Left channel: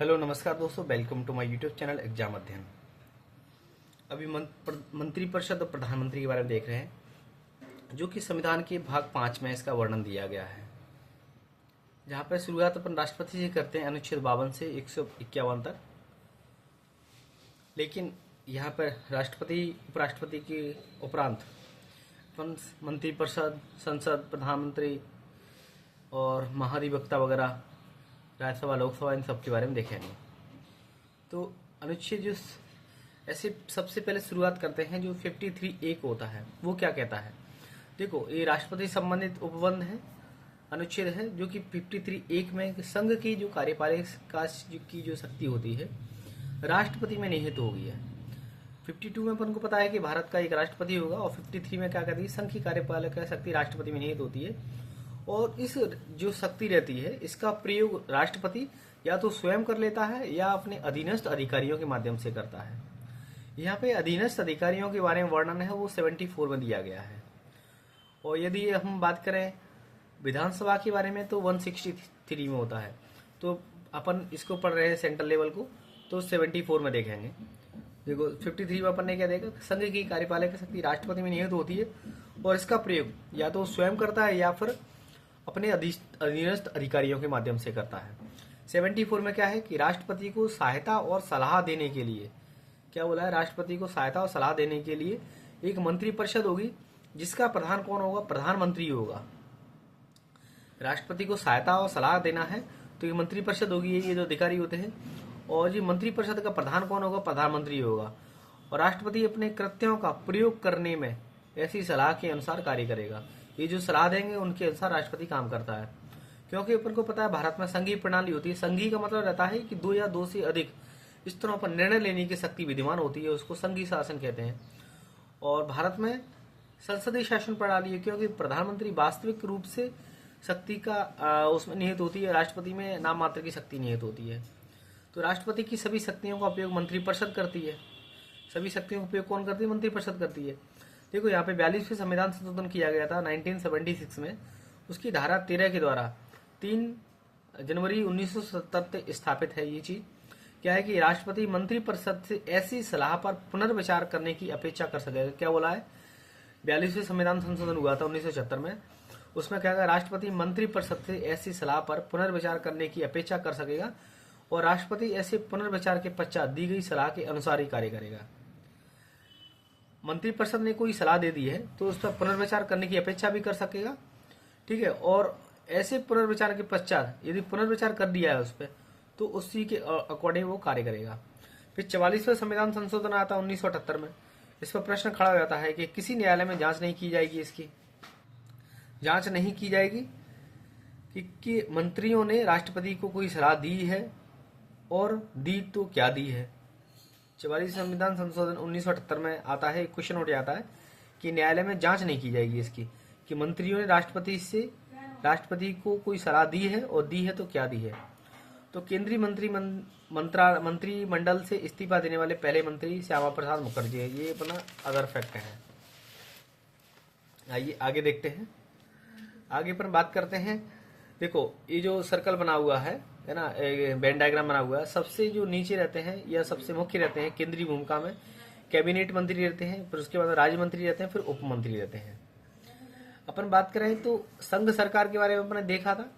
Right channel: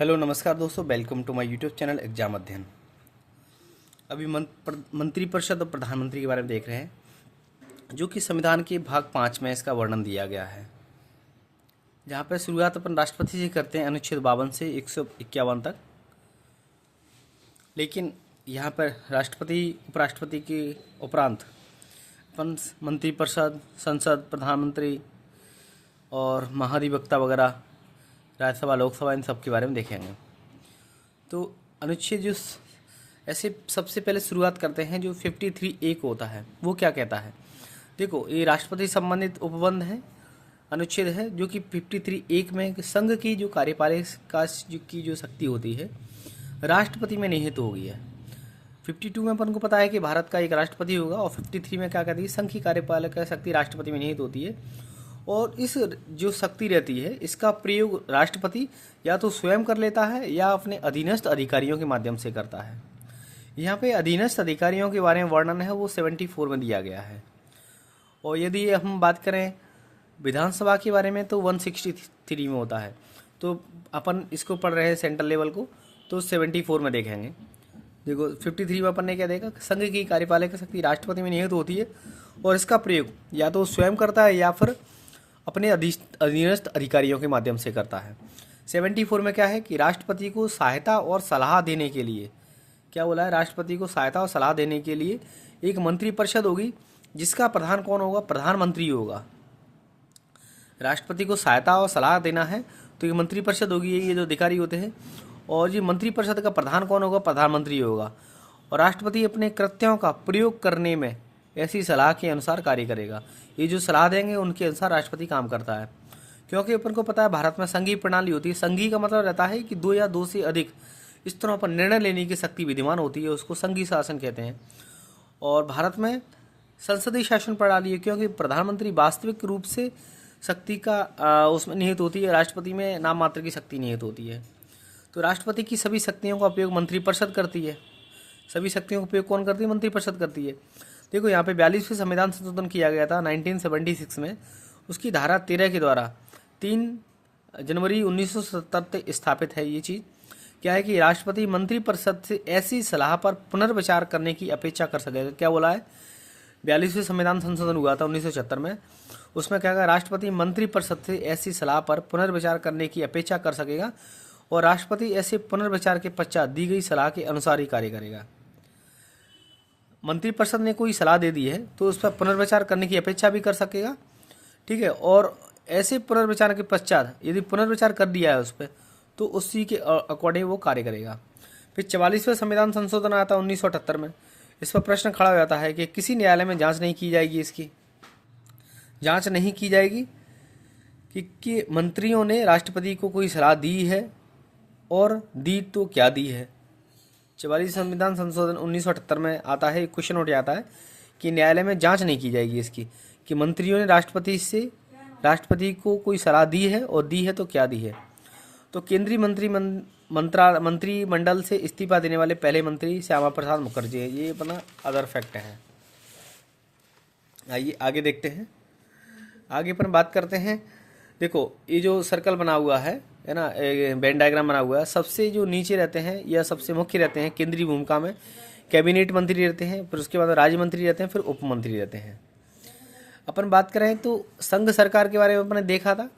Hello नमस्कार दोस्तों, welcome to my YouTube channel exam अध्ययन। अभी मंत्रिपरिषद और प्रधानमंत्री के बारे में देख रहे हैं, जो कि संविधान के भाग 5 में इसका वर्णन दिया गया है। जहाँ पर शुरुआत अपन राष्ट्रपति से करते हैं अनुच्छेद 52 से 151 तक। लेकिन यहाँ पर राष्ट्रपति उपराष्ट्रपति के उपरांत अपन मंत्रिपरिषद, संसद, प्रधानमंत्री और महाधिवक्ता वगैरह, राज्यसभा, लोकसभा, इन सब के बारे में देखेंगे। तो अनुच्छेद जो ऐसे सबसे पहले शुरुआत करते हैं, जो 53A को होता है, वो क्या कहता है। देखो, ये राष्ट्रपति संबंधित उपबंध है, अनुच्छेद है, जो कि 53A में संघ की जो कार्यपालिका की जो शक्ति होती है राष्ट्रपति में निहित हो गई है। 52 में अपन को पता है कि भारत का एक राष्ट्रपति होगा, और 53 में क्या कहती है, संघ की कार्यपालिका शक्ति राष्ट्रपति में निहित होती है। और इस जो शक्ति रहती है, इसका प्रयोग राष्ट्रपति या तो स्वयं कर लेता है या अपने अधीनस्थ अधिकारियों के माध्यम से करता है। यहाँ पे अधीनस्थ अधिकारियों के बारे में वर्णन है, वो 74 में दिया गया है। और यदि हम बात करें विधानसभा के बारे में, तो 163 में होता है। तो अपन इसको पढ़ रहे हैं सेंट्रल लेवल को, तो 74 में देखेंगे। देखो 53 में अपन ने क्या देखा, संघ की कार्यपालिका शक्ति राष्ट्रपति में निहित होती है, और इसका प्रयोग या तो स्वयं करता है या फिर अपने अधीनस्थ अधिकारियों के माध्यम से करता है। 74 में क्या है कि राष्ट्रपति को सहायता और सलाह देने के लिए, क्या बोला है, राष्ट्रपति को सहायता और सलाह देने के लिए एक मंत्रिपरिषद होगी, जिसका प्रधान कौन होगा, प्रधानमंत्री होगा। राष्ट्रपति को सहायता और सलाह देना है तो ये मंत्रिपरिषद होगी, ये जो अधिकारी होते हैं। और ये मंत्रिपरिषद का प्रधान कौन होगा, प्रधानमंत्री होगा। और राष्ट्रपति अपने कृत्यों का प्रयोग करने में ऐसी सलाह के अनुसार कार्य करेगा। ये जो सलाह देंगे उनके अनुसार राष्ट्रपति काम करता है। क्योंकि अपन को पता है भारत में संघीय प्रणाली होती है। संघीय का मतलब रहता है कि दो या दो से अधिक स्तरों पर निर्णय लेने की शक्ति विद्यमान होती है, उसको संघीय शासन कहते हैं। और भारत में संसदीय शासन प्रणाली है, क्योंकि प्रधानमंत्री वास्तविक रूप से शक्ति का उसमें निहित होती है, राष्ट्रपति में नाम मात्र की शक्ति निहित होती है। तो राष्ट्रपति की सभी शक्तियों का उपयोग मंत्रिपरिषद करती है। सभी शक्तियों का उपयोग कौन करती है, मंत्रिपरिषद करती है। देखो यहाँ पे 42वें संविधान संशोधन किया गया था 1976 में। उसकी धारा 13 के द्वारा 3 जनवरी 1970 स्थापित है। ये चीज़ क्या है कि राष्ट्रपति मंत्रिपरिषद से ऐसी सलाह पर पुनर्विचार करने की अपेक्षा कर सकेगा। क्या बोला है, 42वें संविधान संशोधन हुआ था 1976 में। उसमें क्या कहा, राष्ट्रपति मंत्रिपरिषद से ऐसी सलाह पर पुनर्विचार करने की अपेक्षा कर सकेगा, और राष्ट्रपति ऐसे पुनर्विचार के पश्चात दी गई सलाह के अनुसार ही कार्य करेगा। मंत्रिपरिषद ने कोई सलाह दे दी है तो उस पर पुनर्विचार करने की अपेक्षा भी कर सकेगा, ठीक है। और ऐसे पुनर्विचार के पश्चात यदि पुनर्विचार कर दिया है उस पर, तो उसी के अकॉर्डिंग वो कार्य करेगा। फिर 44वें संविधान संशोधन आता है 1978 में। इस पर प्रश्न खड़ा हो जाता है कि किसी न्यायालय में जांच नहीं की जाएगी, इसकी जांच नहीं की जाएगी कि मंत्रियों ने राष्ट्रपति को कोई सलाह दी है, और दी तो क्या दी है। 44 संविधान संशोधन 1978 में आता है, क्वेश्चन उठ जाता है कि न्यायालय में जांच नहीं की जाएगी इसकी, कि मंत्रियों ने राष्ट्रपति को कोई सलाह दी है, और दी है तो क्या दी है। तो केंद्रीय मंत्रिमंडल से इस्तीफा देने वाले पहले मंत्री श्यामा प्रसाद मुखर्जी है। ये अपना अदर फैक्ट है। आइए आगे देखते हैं। आगे पर बात करते हैं। देखो ये जो सर्कल बना हुआ है ना, वेन डायग्राम बना हुआ है, सबसे जो नीचे रहते हैं या सबसे मुख्य रहते हैं केंद्रीय भूमिका में, कैबिनेट मंत्री रहते हैं, फिर उसके बाद राज्य मंत्री रहते हैं, फिर उप मंत्री रहते हैं। अपन बात करें तो संघ सरकार के बारे में अपने देखा था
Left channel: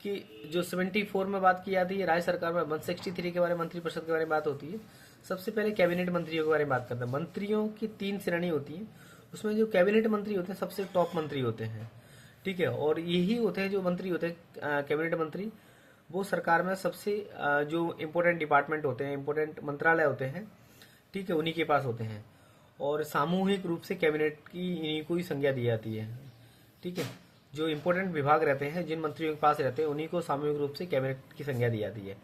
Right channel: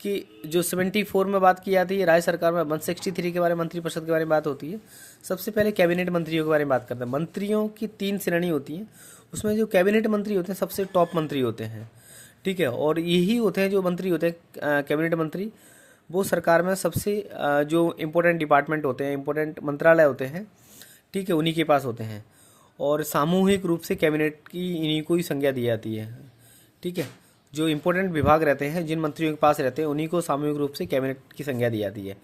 कि जो 74 में बात की जाती है, राज्य सरकार में 163 के बारे में, मंत्रिपरिषद के बारे में बात होती है। सबसे पहले कैबिनेट मंत्रियों के बारे में बात करते हैं। मंत्रियों की 3 श्रेणी होती हैं, उसमें जो कैबिनेट मंत्री होते हैं सबसे टॉप मंत्री होते हैं, ठीक है। और यही होते हैं जो मंत्री होते हैं कैबिनेट मंत्री, वो सरकार में सबसे जो इम्पोर्टेंट डिपार्टमेंट होते हैं, इम्पोर्टेंट मंत्रालय होते हैं, ठीक है, उन्हीं के पास होते हैं। और सामूहिक रूप से कैबिनेट की इन्हीं को ही संज्ञा दी जाती है, ठीक है। जो इम्पोर्टेंट विभाग रहते हैं, जिन मंत्रियों के पास रहते हैं, उन्हीं को सामूहिक रूप से कैबिनेट की संज्ञा दी जाती है।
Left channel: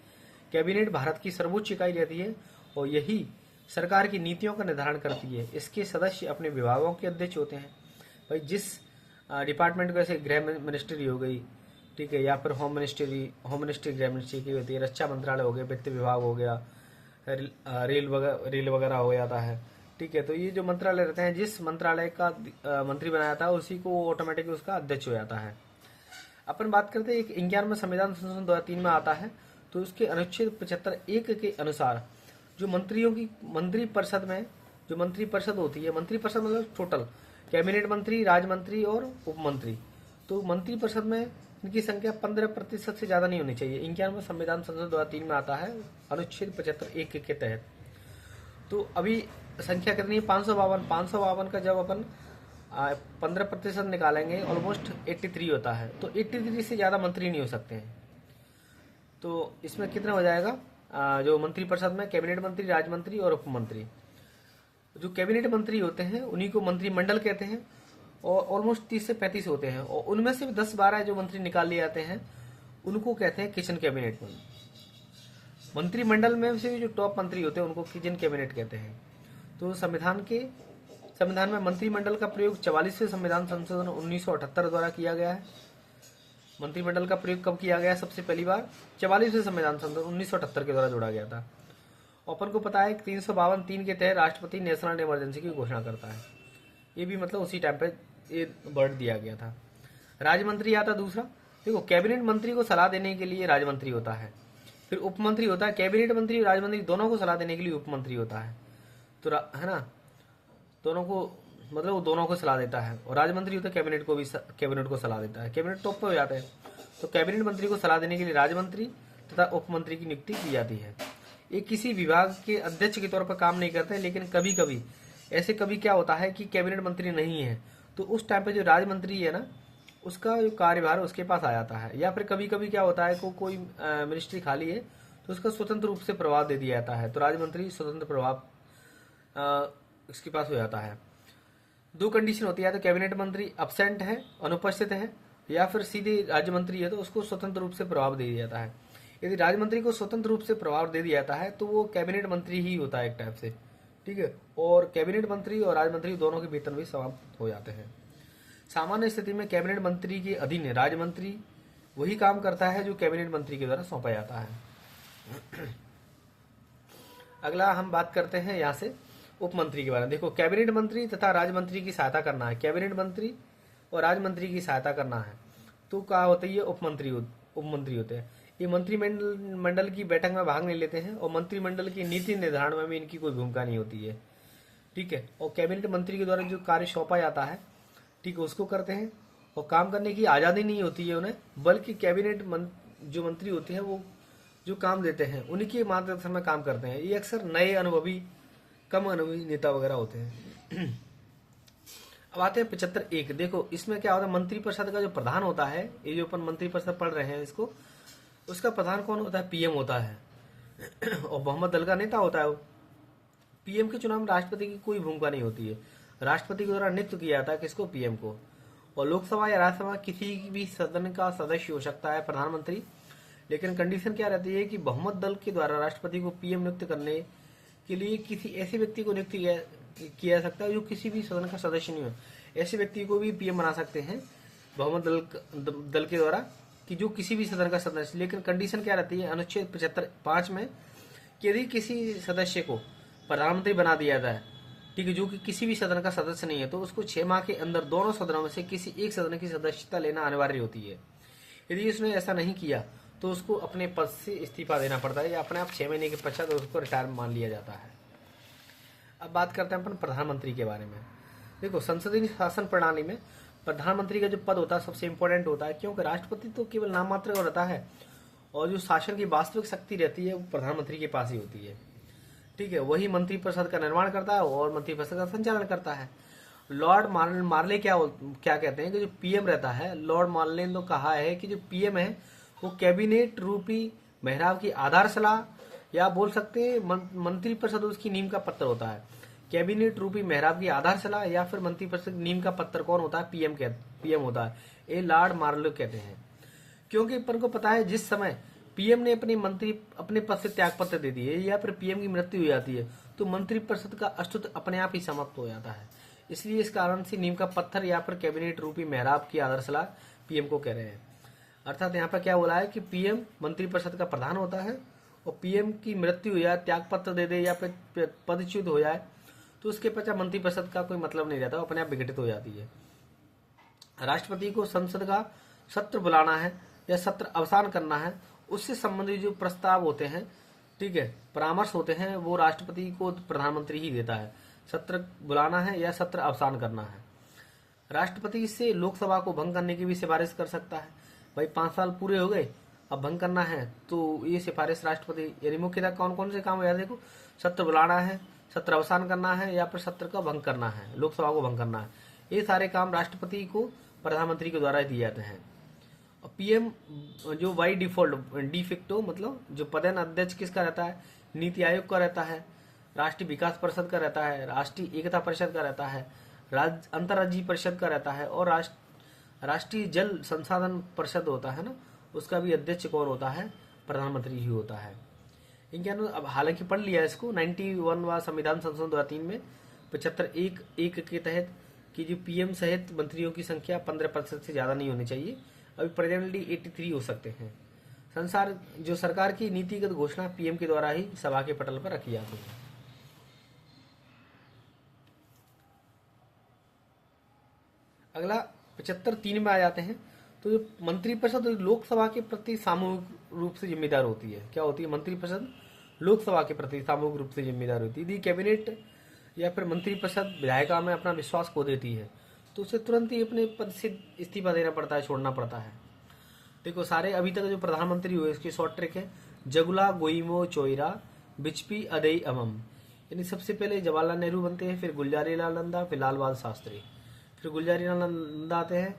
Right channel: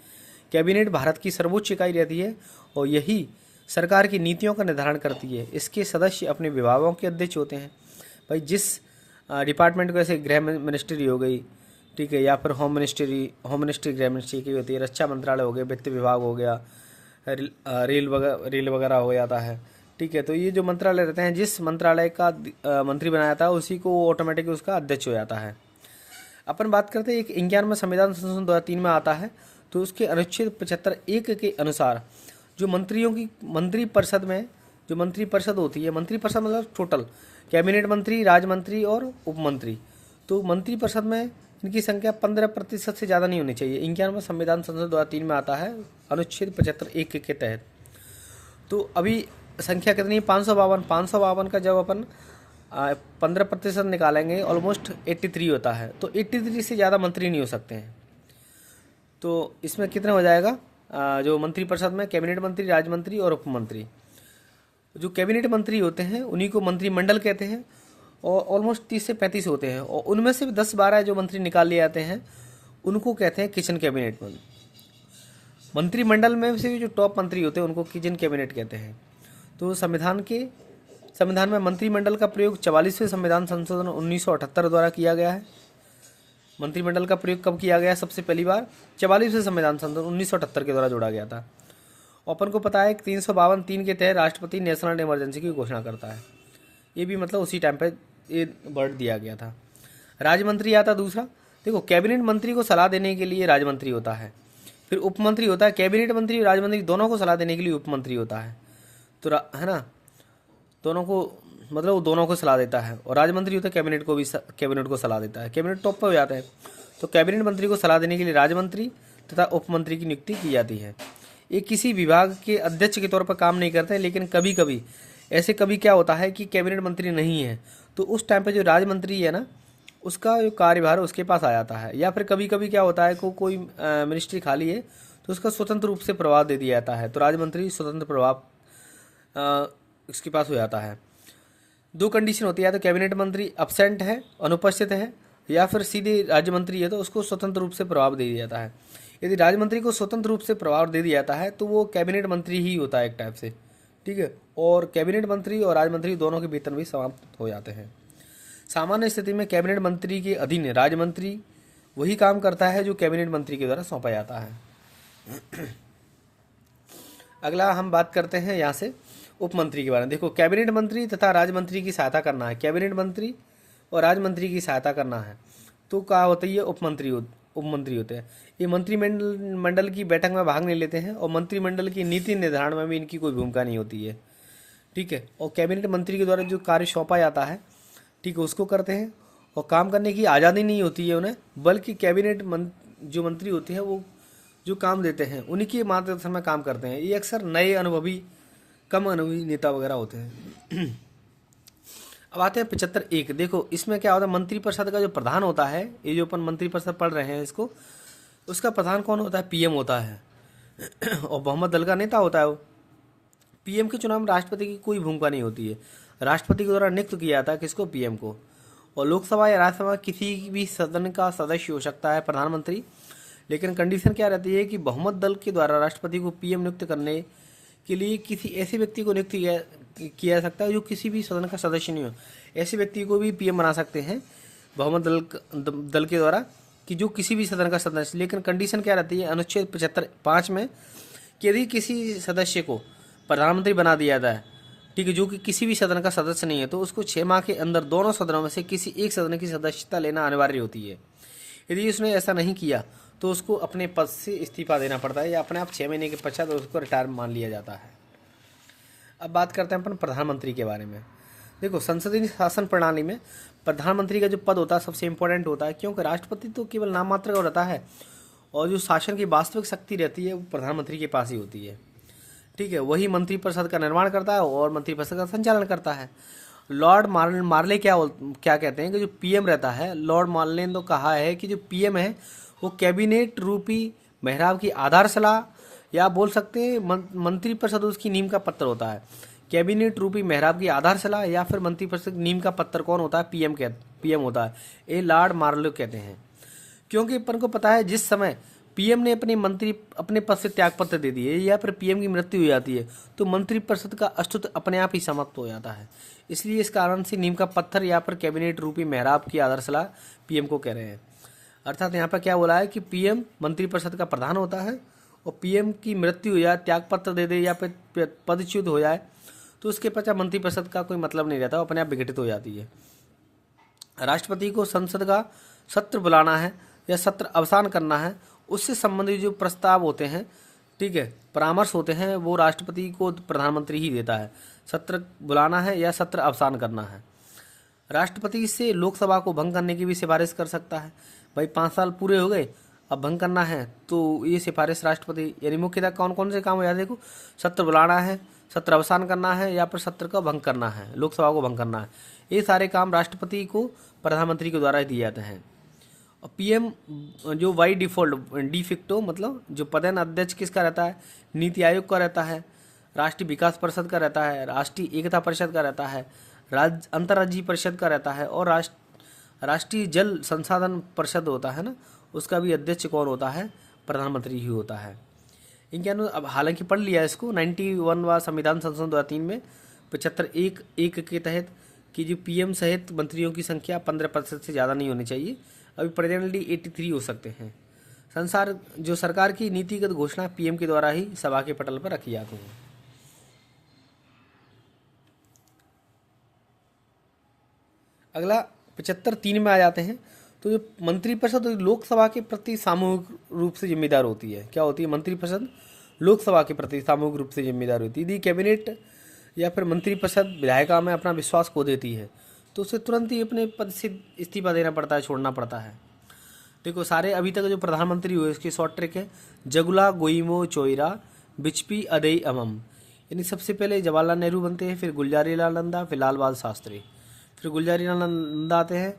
कैबिनेट भारत की सर्वोच्च इकाई रहती है, और यही सरकार की नीतियों का निर्धारण करती है। इसके सदस्य अपने विभागों के अध्यक्ष होते हैं। भाई जिस डिपार्टमेंट को, जैसे गृह मिनिस्ट्री हो गई, ठीक है, या फिर होम मिनिस्ट्री गृह मिनिस्ट्री की होती है, रक्षा मंत्रालय हो गया, वित्त विभाग हो गया, रेल वगैरह हो जाता है, ठीक है। तो ये जो मंत्रालय रहते हैं, जिस मंत्रालय का मंत्री बनाया था उसी को ऑटोमेटिक उसका अध्यक्ष हो जाता है। अपन बात करते हैं, एक 51 में संविधान संशोधन 2003 में आता है, तो उसके अनुच्छेद 75(1) के अनुसार जो मंत्रियों की मंत्रिपरिषद में जो मंत्रिपरिषद होती है, मंत्रिपरिषद मतलब टोटल कैबिनेट मंत्री, राज्य मंत्री और उपमंत्री, तो मंत्रिपरिषद में इनकी संख्या 15% से ज़्यादा नहीं होनी चाहिए। 91 संविधान संशोधन 2003 में आता है अनुच्छेद 75(1) के तहत। तो अभी संख्या कितनी है? 552 का जब अपन 15% निकालेंगे ऑलमोस्ट 83 होता है। तो 83 से ज़्यादा मंत्री नहीं हो सकते हैं। तो इसमें कितना हो जाएगा? जो मंत्रिपरिषद में कैबिनेट मंत्री, राज्य मंत्री और उपमंत्री, जो कैबिनेट मंत्री होते हैं उन्हीं को मंत्रिमंडल कहते हैं और ऑलमोस्ट 30 से 35 होते हैं और उनमें से 10-12 जो मंत्री निकाल लिए जाते हैं उनको कहते हैं किचन कैबिनेट मंत्रिमंडल में से जो टॉप मंत्री होते हैं उनको किचन कैबिनेट कहते हैं। तो संविधान में मंत्रिमंडल का प्रयोग 44वें संविधान संशोधन 1978 द्वारा किया गया है। मंत्रिमंडल का प्रयोग कब किया गया? सबसे पहली बार 44वें संविधान संशोधन 1978 के द्वारा जोड़ा गया था। अपन को पता है कि 352(3) के तहत राष्ट्रपति नेशनल इमरजेंसी की घोषणा करता है। ये भी मतलब उसी टाइम पे ये वर्ड दिया गया था। राज्य मंत्री आता दूसरा। देखो, कैबिनेट मंत्री को सलाह देने के लिए राज्य मंत्री होता है, फिर उपमंत्री होता है। कैबिनेट मंत्री और राज्य मंत्री दोनों को सलाह देने के लिए उपमंत्री होता है। तो है ना, दोनों को मतलब वो दोनों को सलाह देता है। और राज्य मंत्री होता है कैबिनेट को सलाह देता है। कैबिनेट टॉप पर हो जाता है। तो कैबिनेट मंत्री को सलाह देने के लिए राज्य मंत्री तथा उपमंत्री की नियुक्ति की जाती है। ये किसी विभाग के अध्यक्ष के तौर पर काम नहीं करते हैं, लेकिन कभी कभी क्या होता है कि कैबिनेट मंत्री नहीं है तो उस टाइम पे जो राज्य मंत्री है ना, उसका जो कार्यभार उसके पास आ जाता है। या फिर कभी कभी क्या होता है कोई मिनिस्ट्री खाली है तो उसका स्वतंत्र रूप से प्रभाव दे दिया जाता है। तो राज्य मंत्री स्वतंत्र प्रभाव इसके पास हो जाता है। 2 कंडीशन होती है, तो कैबिनेट मंत्री अब्सेंट है, अनुपस्थित है, या फिर सीधे राज्य मंत्री है तो उसको स्वतंत्र रूप से प्रभाव दे दिया जाता है। यदि राज्य मंत्री को स्वतंत्र रूप से प्रभाव दे दिया जाता है तो वो कैबिनेट मंत्री ही होता है एक टाइप से, ठीक है। और कैबिनेट मंत्री और राज्य मंत्री दोनों के वेतन भी समाप्त हो जाते हैं। सामान्य स्थिति में कैबिनेट मंत्री के अधीन राज्य मंत्री वही काम करता है जो कैबिनेट मंत्री के द्वारा सौंपा जाता है। अगला हम बात करते हैं यहाँ से उपमंत्री के बारे में। देखो, कैबिनेट मंत्री तथा राज्य मंत्री की सहायता करना है, कैबिनेट मंत्री और राज्य मंत्री की सहायता करना है तो क्या होती है? उपमंत्री होते हैं। ये मंत्रिमंडल की बैठक में भाग नहीं लेते हैं और मंत्रिमंडल की नीति निर्धारण में भी इनकी कोई भूमिका नहीं होती है, ठीक है। और कैबिनेट मंत्री के द्वारा जो कार्य सौंपा जाता है, ठीक है, उसको करते हैं और काम करने की आज़ादी नहीं होती है उन्हें, बल्कि कैबिनेट जो मंत्री होते हैं वो जो काम देते हैं उन्हीं के मार्गदर्शन में काम करते हैं। ये अक्सर नए अनुभवी, कम अनुभवी नेता वगैरह होते हैं। अब आते हैं 75(1). देखो, इसमें क्या होता है? मंत्रिपरिषद का जो प्रधान होता है, ये जो अपन मंत्रिपरिषद पढ़ रहे हैं इसको, उसका प्रधान कौन होता है? पीएम होता है और बहुमत दल का नेता होता है वो। पीएम के चुनाव में राष्ट्रपति की कोई भूमिका नहीं होती है। राष्ट्रपति के द्वारा नियुक्त किया जाता है किसको? पीएम को। और लोकसभा या राज्यसभा किसी भी सदन का सदस्य हो सकता है प्रधानमंत्री, लेकिन कंडीशन क्या रहती है कि बहुमत दल के द्वारा राष्ट्रपति को पीएम नियुक्त करने के लिए किसी ऐसे व्यक्ति को नियुक्त किया जा सकता है जो किसी भी सदन का सदस्य नहीं हो। ऐसे व्यक्ति को भी पीएम बना सकते हैं बहुमत दल के द्वारा कि जो किसी भी सदन का सदस्य। लेकिन कंडीशन क्या रहती है अनुच्छेद 75(5) में कि यदि किसी सदस्य को प्रधानमंत्री बना दिया जाए, ठीक है, जो कि किसी भी सदन का सदस्य नहीं है, तो उसको 6 माह के अंदर दोनों सदनों में से किसी एक सदन की सदस्यता लेना अनिवार्य होती है। यदि उसने ऐसा नहीं किया तो उसको अपने पद से इस्तीफा देना पड़ता है या अपने आप 6 महीने के पश्चात उसको रिटायर मान लिया जाता है। अब बात करते हैं अपन प्रधानमंत्री के बारे में। देखो, संसदीय शासन प्रणाली में प्रधानमंत्री का जो पद होता है सबसे इम्पोर्टेंट होता है, क्योंकि राष्ट्रपति तो केवल नाम मात्र का रहता है और जो शासन की वास्तविक शक्ति रहती है वो प्रधानमंत्री के पास ही होती है, ठीक है। वही मंत्रिपरिषद का निर्माण करता है और मंत्रिपरिषद का संचालन करता है। लॉर्ड मार्ले क्या कहते हैं कि जो पीएम रहता है, लॉर्ड मार्ले ने तो कहा है कि जो पीएम है वो कैबिनेट रूपी मेहराब की आधारशिला, या बोल सकते हैं मंत्रिपरिषद उसकी नींव का पत्थर होता है। कैबिनेट रूपी मेहराब की आधारशिला या फिर मंत्रिपरिषद नींव का पत्थर कौन होता है? पीएम होता है। ये लॉर्ड मार्ले कहते हैं, क्योंकि अपन को पता है जिस समय पीएम ने अपने पद से त्यागपत्र दे दिए या फिर पीएम की मृत्यु हो जाती है तो मंत्रिपरिषद का अस्तित्व अपने आप ही समाप्त हो जाता है। इसलिए इस कारण से नींव का पत्थर या फिर कैबिनेट रूपी मेहराब की आधारशिला पीएम को कह रहे हैं। अर्थात यहाँ पर क्या बोला है कि पीएम मंत्रिपरिषद का प्रधान होता है और पीएम की मृत्यु हो जाए, त्यागपत्र दे दे या फिर पदच्युत हो जाए तो उसके पश्चात मंत्रिपरिषद का कोई मतलब नहीं रहता, अपने आप विघटित हो जाती है। राष्ट्रपति को संसद का सत्र बुलाना है या सत्र अवसान करना है उससे संबंधित जो प्रस्ताव होते हैं, ठीक है, परामर्श होते हैं, वो राष्ट्रपति को प्रधानमंत्री ही देता है। सत्र बुलाना है या सत्र अवसान करना है। राष्ट्रपति से लोकसभा को भंग करने की भी सिफारिश कर सकता है। भाई 5 साल पूरे हो गए, अब भंग करना है, तो ये सिफारिश राष्ट्रपति, यानी मुख्यतः कौन कौन से काम हो जाते, देखो, सत्र बुलाना है, सत्र अवसान करना है, या फिर सत्र का भंग करना है, लोकसभा को भंग करना है। ये सारे काम राष्ट्रपति को प्रधानमंत्री के द्वारा दिए जाते हैं। और पीएम जो बाई डिफॉल्ट डिफिक्टो, मतलब जो पदेन अध्यक्ष किसका रहता है, नीति आयोग का रहता है, राष्ट्रीय विकास परिषद का रहता है, राष्ट्रीय एकता परिषद का रहता है, राज्य अंतर्राज्यीय परिषद का रहता है, और राष्ट्रीय जल संसाधन परिषद होता है ना, उसका भी अध्यक्ष कौन होता है, प्रधानमंत्री ही होता है। इनके अनुसार अब हालांकि पढ़ लिया इसको 91वां संविधान संशोधन 2003 में 75(1) के तहत कि जो पीएम सहित मंत्रियों की संख्या 15% से ज़्यादा नहीं होनी चाहिए। अभी प्रेजेंटली 83 हो सकते हैं। जो सरकार की नीतिगत घोषणा पीएम के द्वारा ही सभा के पटल पर रखी जाती है। अगला 75(3) में आ जाते हैं। तो जो मंत्रिपरिषद लोकसभा के प्रति सामूहिक रूप से जिम्मेदार होती है। क्या होती है? मंत्रिपरिषद लोकसभा के प्रति सामूहिक रूप से जिम्मेदार होती है। यदि कैबिनेट या फिर मंत्रिपरिषद विधायिका में अपना विश्वास खो देती है तो उसे तुरंत ही अपने पद से इस्तीफा देना पड़ता है, छोड़ना पड़ता है। देखो, सारे अभी तक जो प्रधानमंत्री हुए इसकी शॉर्ट ट्रिक है जगुला गोइमो चोइरा बिचपी अदई अमम। यानी सबसे पहले जवाहरलाल नेहरू बनते हैं, फिर गुलजारी लाल नंदा, फिर लाल बहादुर शास्त्री, फिर गुलजारी लाल नंदा आते हैं,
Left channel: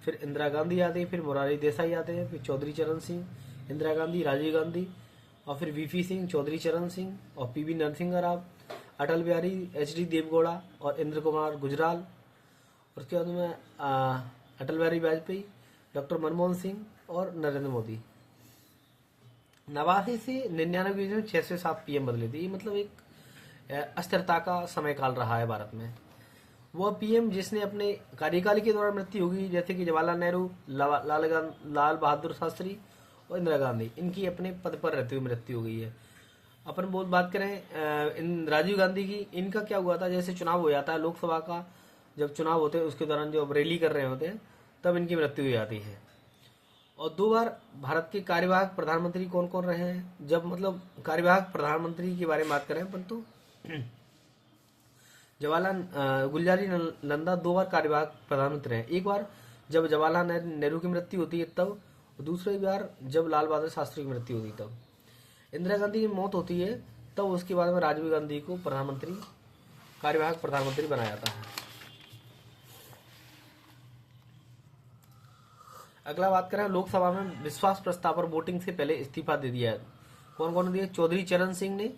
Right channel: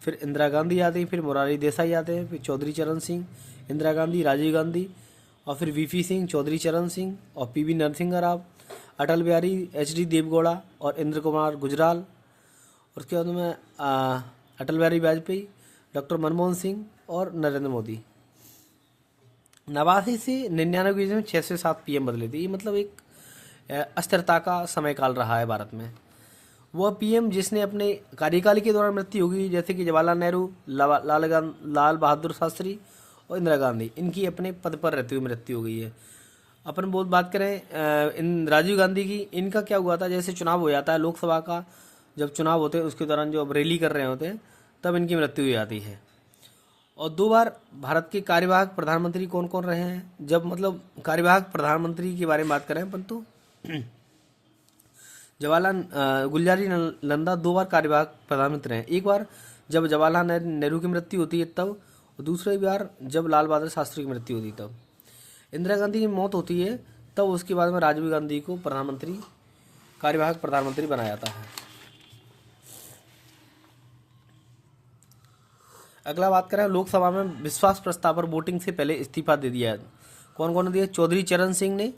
फिर इंदिरा गांधी आते हैं, फिर मोरारजी देसाई आते हैं, फिर चौधरी चरण सिंह, इंदिरा गांधी, राजीव गांधी, और फिर वीपी सिंह, चौधरी चरण सिंह, और पीवी नरसिंह राव, अटल बिहारी, एचडी देवगौड़ा और इंद्र कुमार गुजराल। उसके बाद में अटल बिहारी वाजपेयी, डॉक्टर मनमोहन सिंह और नरेंद्र मोदी। 89 से 99 में 6 से 7 पीएम बदले थे। ये मतलब एक अस्थिरता का समय काल रहा है भारत में। वह पीएम जिसने अपने कार्यकाल के दौरान मृत्यु होगी, जैसे कि जवाहरलाल नेहरू, लाल बहादुर शास्त्री और इंदिरा गांधी, इनकी अपने पद पर रहते हुए मृत्यु हो गई है। अपन बहुत बात करें इन राजीव गांधी की, इनका क्या हुआ था, जैसे चुनाव हो जाता है लोकसभा का, जब चुनाव होते हैं उसके दौरान जो अब रैली कर रहे होते हैं तब इनकी मृत्यु हो जाती है। और 2 बार भारत के कार्यवाहक प्रधानमंत्री कौन कौन रहे हैं, जब मतलब कार्यवाहक प्रधानमंत्री के बारे में बात करें परंतु जवाहरलाल गुलजारी नंदा 2 बार कार्यवाहक प्रधानमंत्री हैं। एक बार जब जवाहरलाल नेहरू की मृत्यु होती है तब, और दूसरी बार जब लाल बहादुर शास्त्री की मृत्यु होती है तब। इंदिरा गांधी की मौत होती है तब उसके बाद में राजीव गांधी को प्रधानमंत्री, कार्यवाहक प्रधानमंत्री बनाया जाता है। अगला बात करें लोकसभा में विश्वास प्रस्ताव पर वोटिंग से पहले इस्तीफा दे दिया है। कौन कौन ने दिया? चौधरी चरण सिंह ने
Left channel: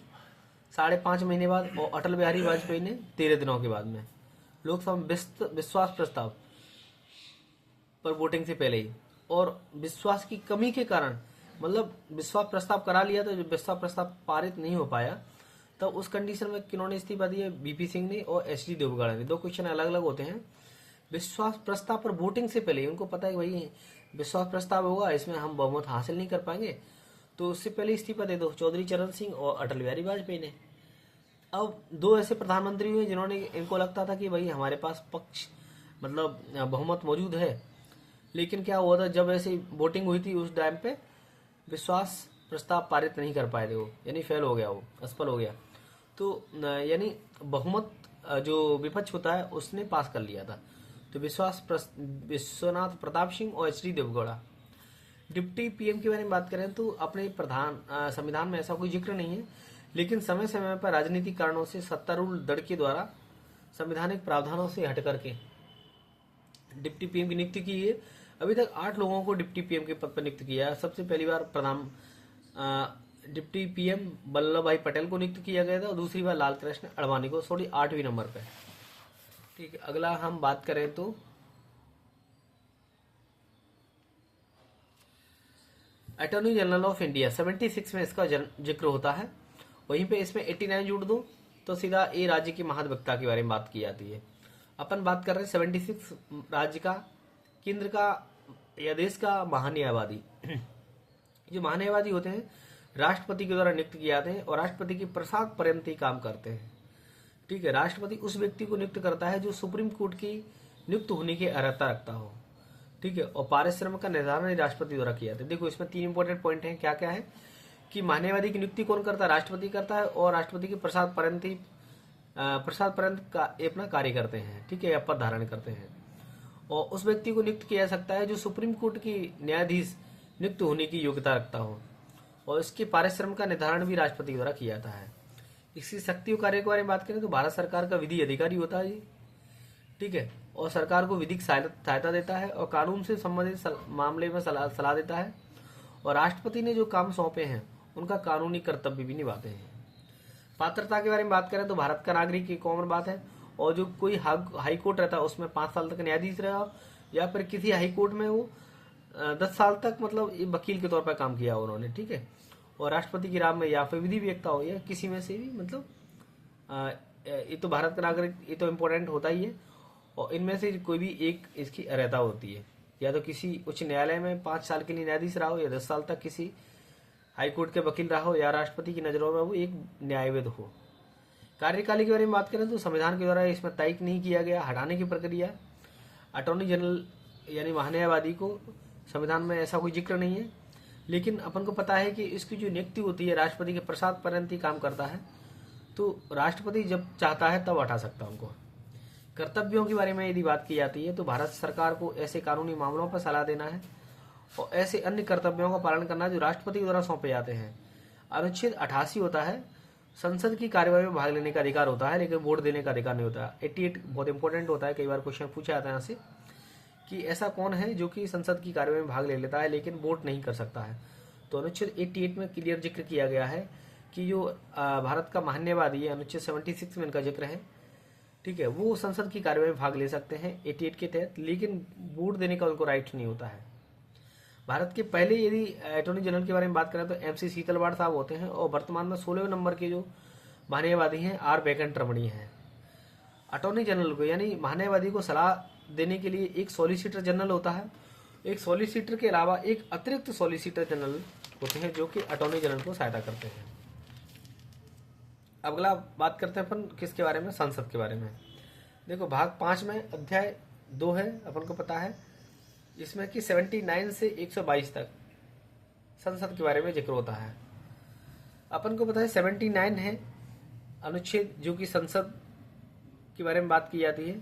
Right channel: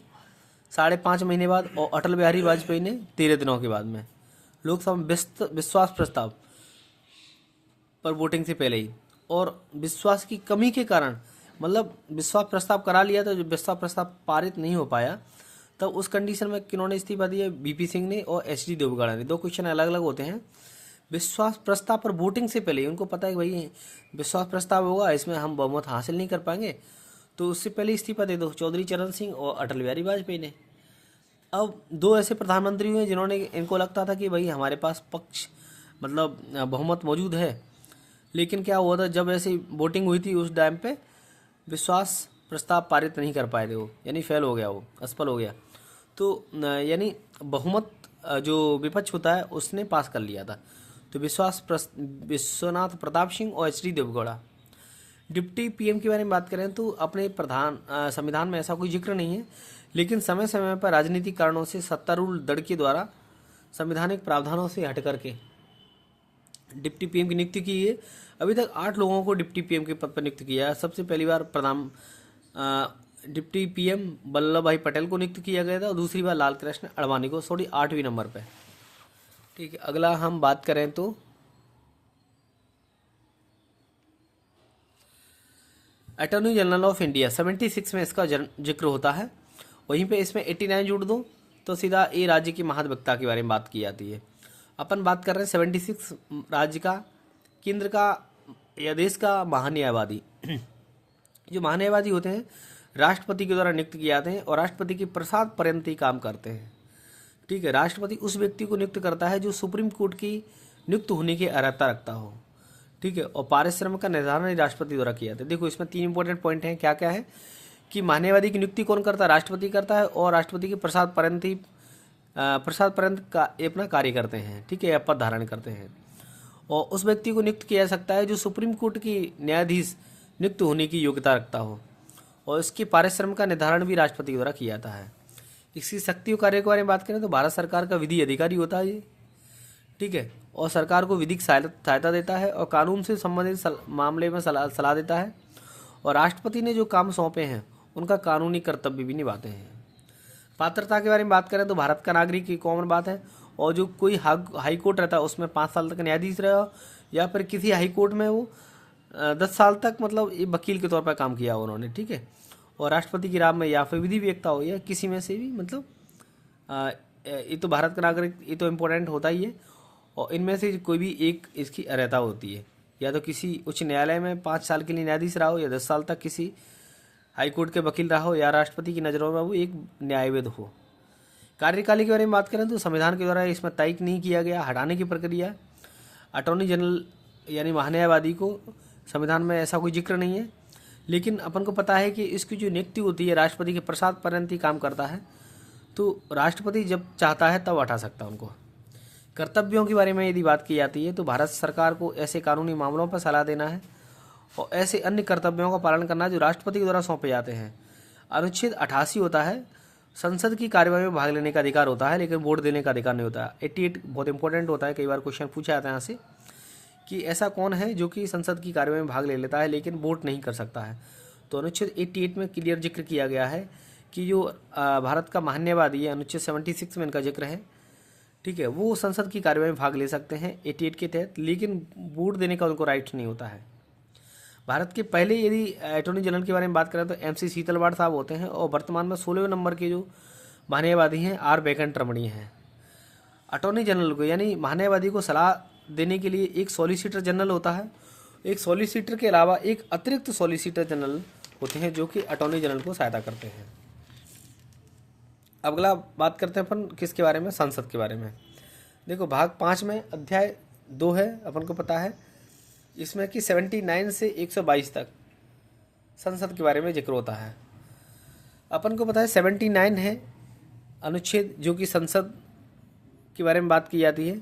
5.5 महीने बाद, और अटल बिहारी वाजपेयी ने 13 दिनों के बाद में। लोकसभा में विश्वास प्रस्ताव पर वोटिंग से पहले ही, और विश्वास की कमी के कारण, मतलब विश्वास प्रस्ताव करा लिया था, जो विश्वास प्रस्ताव पारित नहीं हो पाया, तब उस कंडीशन में किन्होंने इस्तीफा दिया? बीपी सिंह ने और एचडी देवगौड़ा ने। 2 क्वेश्चन अलग अलग होते हैं। विश्वास प्रस्ताव पर वोटिंग से पहले उनको पता है भाई विश्वास प्रस्ताव होगा, इसमें हम बहुमत हासिल नहीं कर पाएंगे, तो उससे पहले इस्तीफा दे दो। चौधरी चरण सिंह और अटल बिहारी वाजपेयी ने। अब 2 ऐसे प्रधानमंत्री हुए जिन्होंने, इनको लगता था कि भाई हमारे पास पक्ष मतलब बहुमत मौजूद है, लेकिन क्या हुआ था, जब ऐसी वोटिंग हुई थी उस टाइम पे विश्वास प्रस्ताव पारित नहीं कर पाए थे वो, यानी फेल हो गया, वो असफल हो गया। तो यानी बहुमत जो विपक्ष होता है उसने पास कर लिया था। तो विश्वनाथ प्रताप सिंह और एचडी देवगौड़ा। डिप्टी पीएम के बारे में बात करें तो अपने संविधान में ऐसा कोई जिक्र नहीं है, लेकिन समय समय पर राजनीतिक कारणों से सत्तारूढ़ दल के द्वारा संवैधानिक प्रावधानों से हट करके डिप्टी पीएम की नियुक्ति की है। अभी तक 8 लोगों को डिप्टी पीएम के पद पर नियुक्त किया है। सबसे पहली बार डिप्टी पीएम वल्लभ भाई पटेल को नियुक्त किया गया था, और दूसरी बार लाल कृष्ण आडवाणी को, 8वें नंबर पे। ठीक है, अगला हम बात करें तो अटॉर्नी जनरल ऑफ इंडिया 76 में इसका जिक्र होता है। वहीं पे इसमें 89 जोड़ दो तो सीधा ए राज्य के महाधिवक्ता के बारे में बात की जाती है। अपन बात कर रहे हैं 76 राज्य का, केंद्र का या देश का महान्यायवादी। जो महान्यायवादी होते हैं राष्ट्रपति के द्वारा नियुक्त किए जाते हैं और राष्ट्रपति के प्रसाद पर्यंत ही काम करते हैं। ठीक है, राष्ट्रपति उस व्यक्ति को नियुक्त करता है जो सुप्रीम कोर्ट की नियुक्त होने की अर्हता रखता हो। ठीक है, और पारिश्रमिक का निर्धारण ही राष्ट्रपति द्वारा किया जाता है। देखो इसमें 3 इंपॉर्टेंट पॉइंट हैं, क्या क्या है कि मान्यवादी की नियुक्ति कौन करता है, राष्ट्रपति करता है, और राष्ट्रपति के प्रसाद पर्यंत का अपना कार्य करते हैं, ठीक है, या पद धारण करते हैं। और उस व्यक्ति को नियुक्त किया जा सकता है जो सुप्रीम कोर्ट की न्यायाधीश नियुक्त होने की योग्यता रखता हो, और इसके पारिश्रमिक का निर्धारण भी राष्ट्रपति द्वारा किया जाता है। इसकी शक्ति और कार्य के बारे में बात करें तो भारत सरकार का विधि अधिकारी होता है ये, ठीक है, और सरकार को विधिक सहायता देता है और कानून से संबंधित मामले में सलाह देता है, और राष्ट्रपति ने जो काम सौंपे हैं उनका कानूनी कर्तव्य भी निभाते हैं। पात्रता के बारे में बात करें तो भारत का नागरिक की कॉमन बात है, और जो कोई हाई कोर्ट रहता है उसमें 5 साल तक न्यायाधीश रहा, या फिर किसी हाई कोर्ट में वो 10 साल तक मतलब वकील के तौर पर काम किया उन्होंने, ठीक है, और राष्ट्रपति की राह में या फिर विधि व्यक्ता हो या किसी में से भी, मतलब ये तो भारत का नागरिक, ये तो इम्पोर्टेंट होता ही है। और इनमें से कोई भी एक इसकी अर्हता होती है, या तो किसी उच्च न्यायालय में 5 साल के लिए न्यायाधीश रहा हो, या 10 साल तक किसी हाईकोर्ट के वकील रहा हो, या राष्ट्रपति की नज़रों में वो एक न्यायविद हो। कार्यकाल के बारे में बात करें तो संविधान के द्वारा इसमें तय नहीं किया गया हटाने की प्रक्रिया। अटॉर्नी जनरल यानी महान्यायवादी को संविधान में ऐसा कोई जिक्र नहीं है, लेकिन अपन को पता है कि इसकी जो नियुक्ति होती है राष्ट्रपति के प्रसाद पर्यंत ही काम करता है, तो राष्ट्रपति जब चाहता है तब हटा सकता है उनको। कर्तव्यों के बारे में यदि बात की जाती है तो भारत सरकार को ऐसे कानूनी मामलों पर सलाह देना है और ऐसे अन्य कर्तव्यों का पालन करना जो राष्ट्रपति के द्वारा सौंपे जाते हैं। अनुच्छेद 88 होता है, संसद की कार्यवाही में भाग लेने का अधिकार होता है, लेकिन वोट देने का अधिकार नहीं होता। 88 बहुत इंपॉर्टेंट होता है, कई बार क्वेश्चन पूछा जाता है यहाँ से कि ऐसा कौन है जो कि संसद की कार्यवाही में भाग ले लेता है लेकिन वोट नहीं कर सकता है। तो अनुच्छेद 88 में क्लियर जिक्र किया गया है कि जो भारत का महान्यायवादी है, अनुच्छेद 76 में इनका जिक्र है, ठीक है, वो संसद की कार्यवाही में भाग ले सकते हैं 88 के तहत, लेकिन वोट देने का उनको राइट नहीं होता है। भारत के पहले यदि अटॉर्नी जनरल के बारे में बात करें तो MC शीतलवाड़ साहब होते हैं, और वर्तमान में 16वें नंबर के जो महान्यायवादी हैं R वेंकटरमणी हैं। अटॉर्नी जनरल को यानी महान्यायवादी को सलाह देने के लिए एक सॉलिसिटर जनरल होता है। एक सॉलिसिटर के अलावा एक अतिरिक्त सॉलिसिटर जनरल होते हैं जो कि अटॉर्नी जनरल को सहायता करते हैं। अगला बात करते हैं अपन किसके बारे में, संसद के बारे में। देखो भाग 5 में अध्याय 2 है, अपन को पता है इसमें कि 79 से 122 तक संसद के बारे में जिक्र होता है। अपन को पता है 79 है अनुच्छेद जो कि संसद के बारे में बात की जाती है,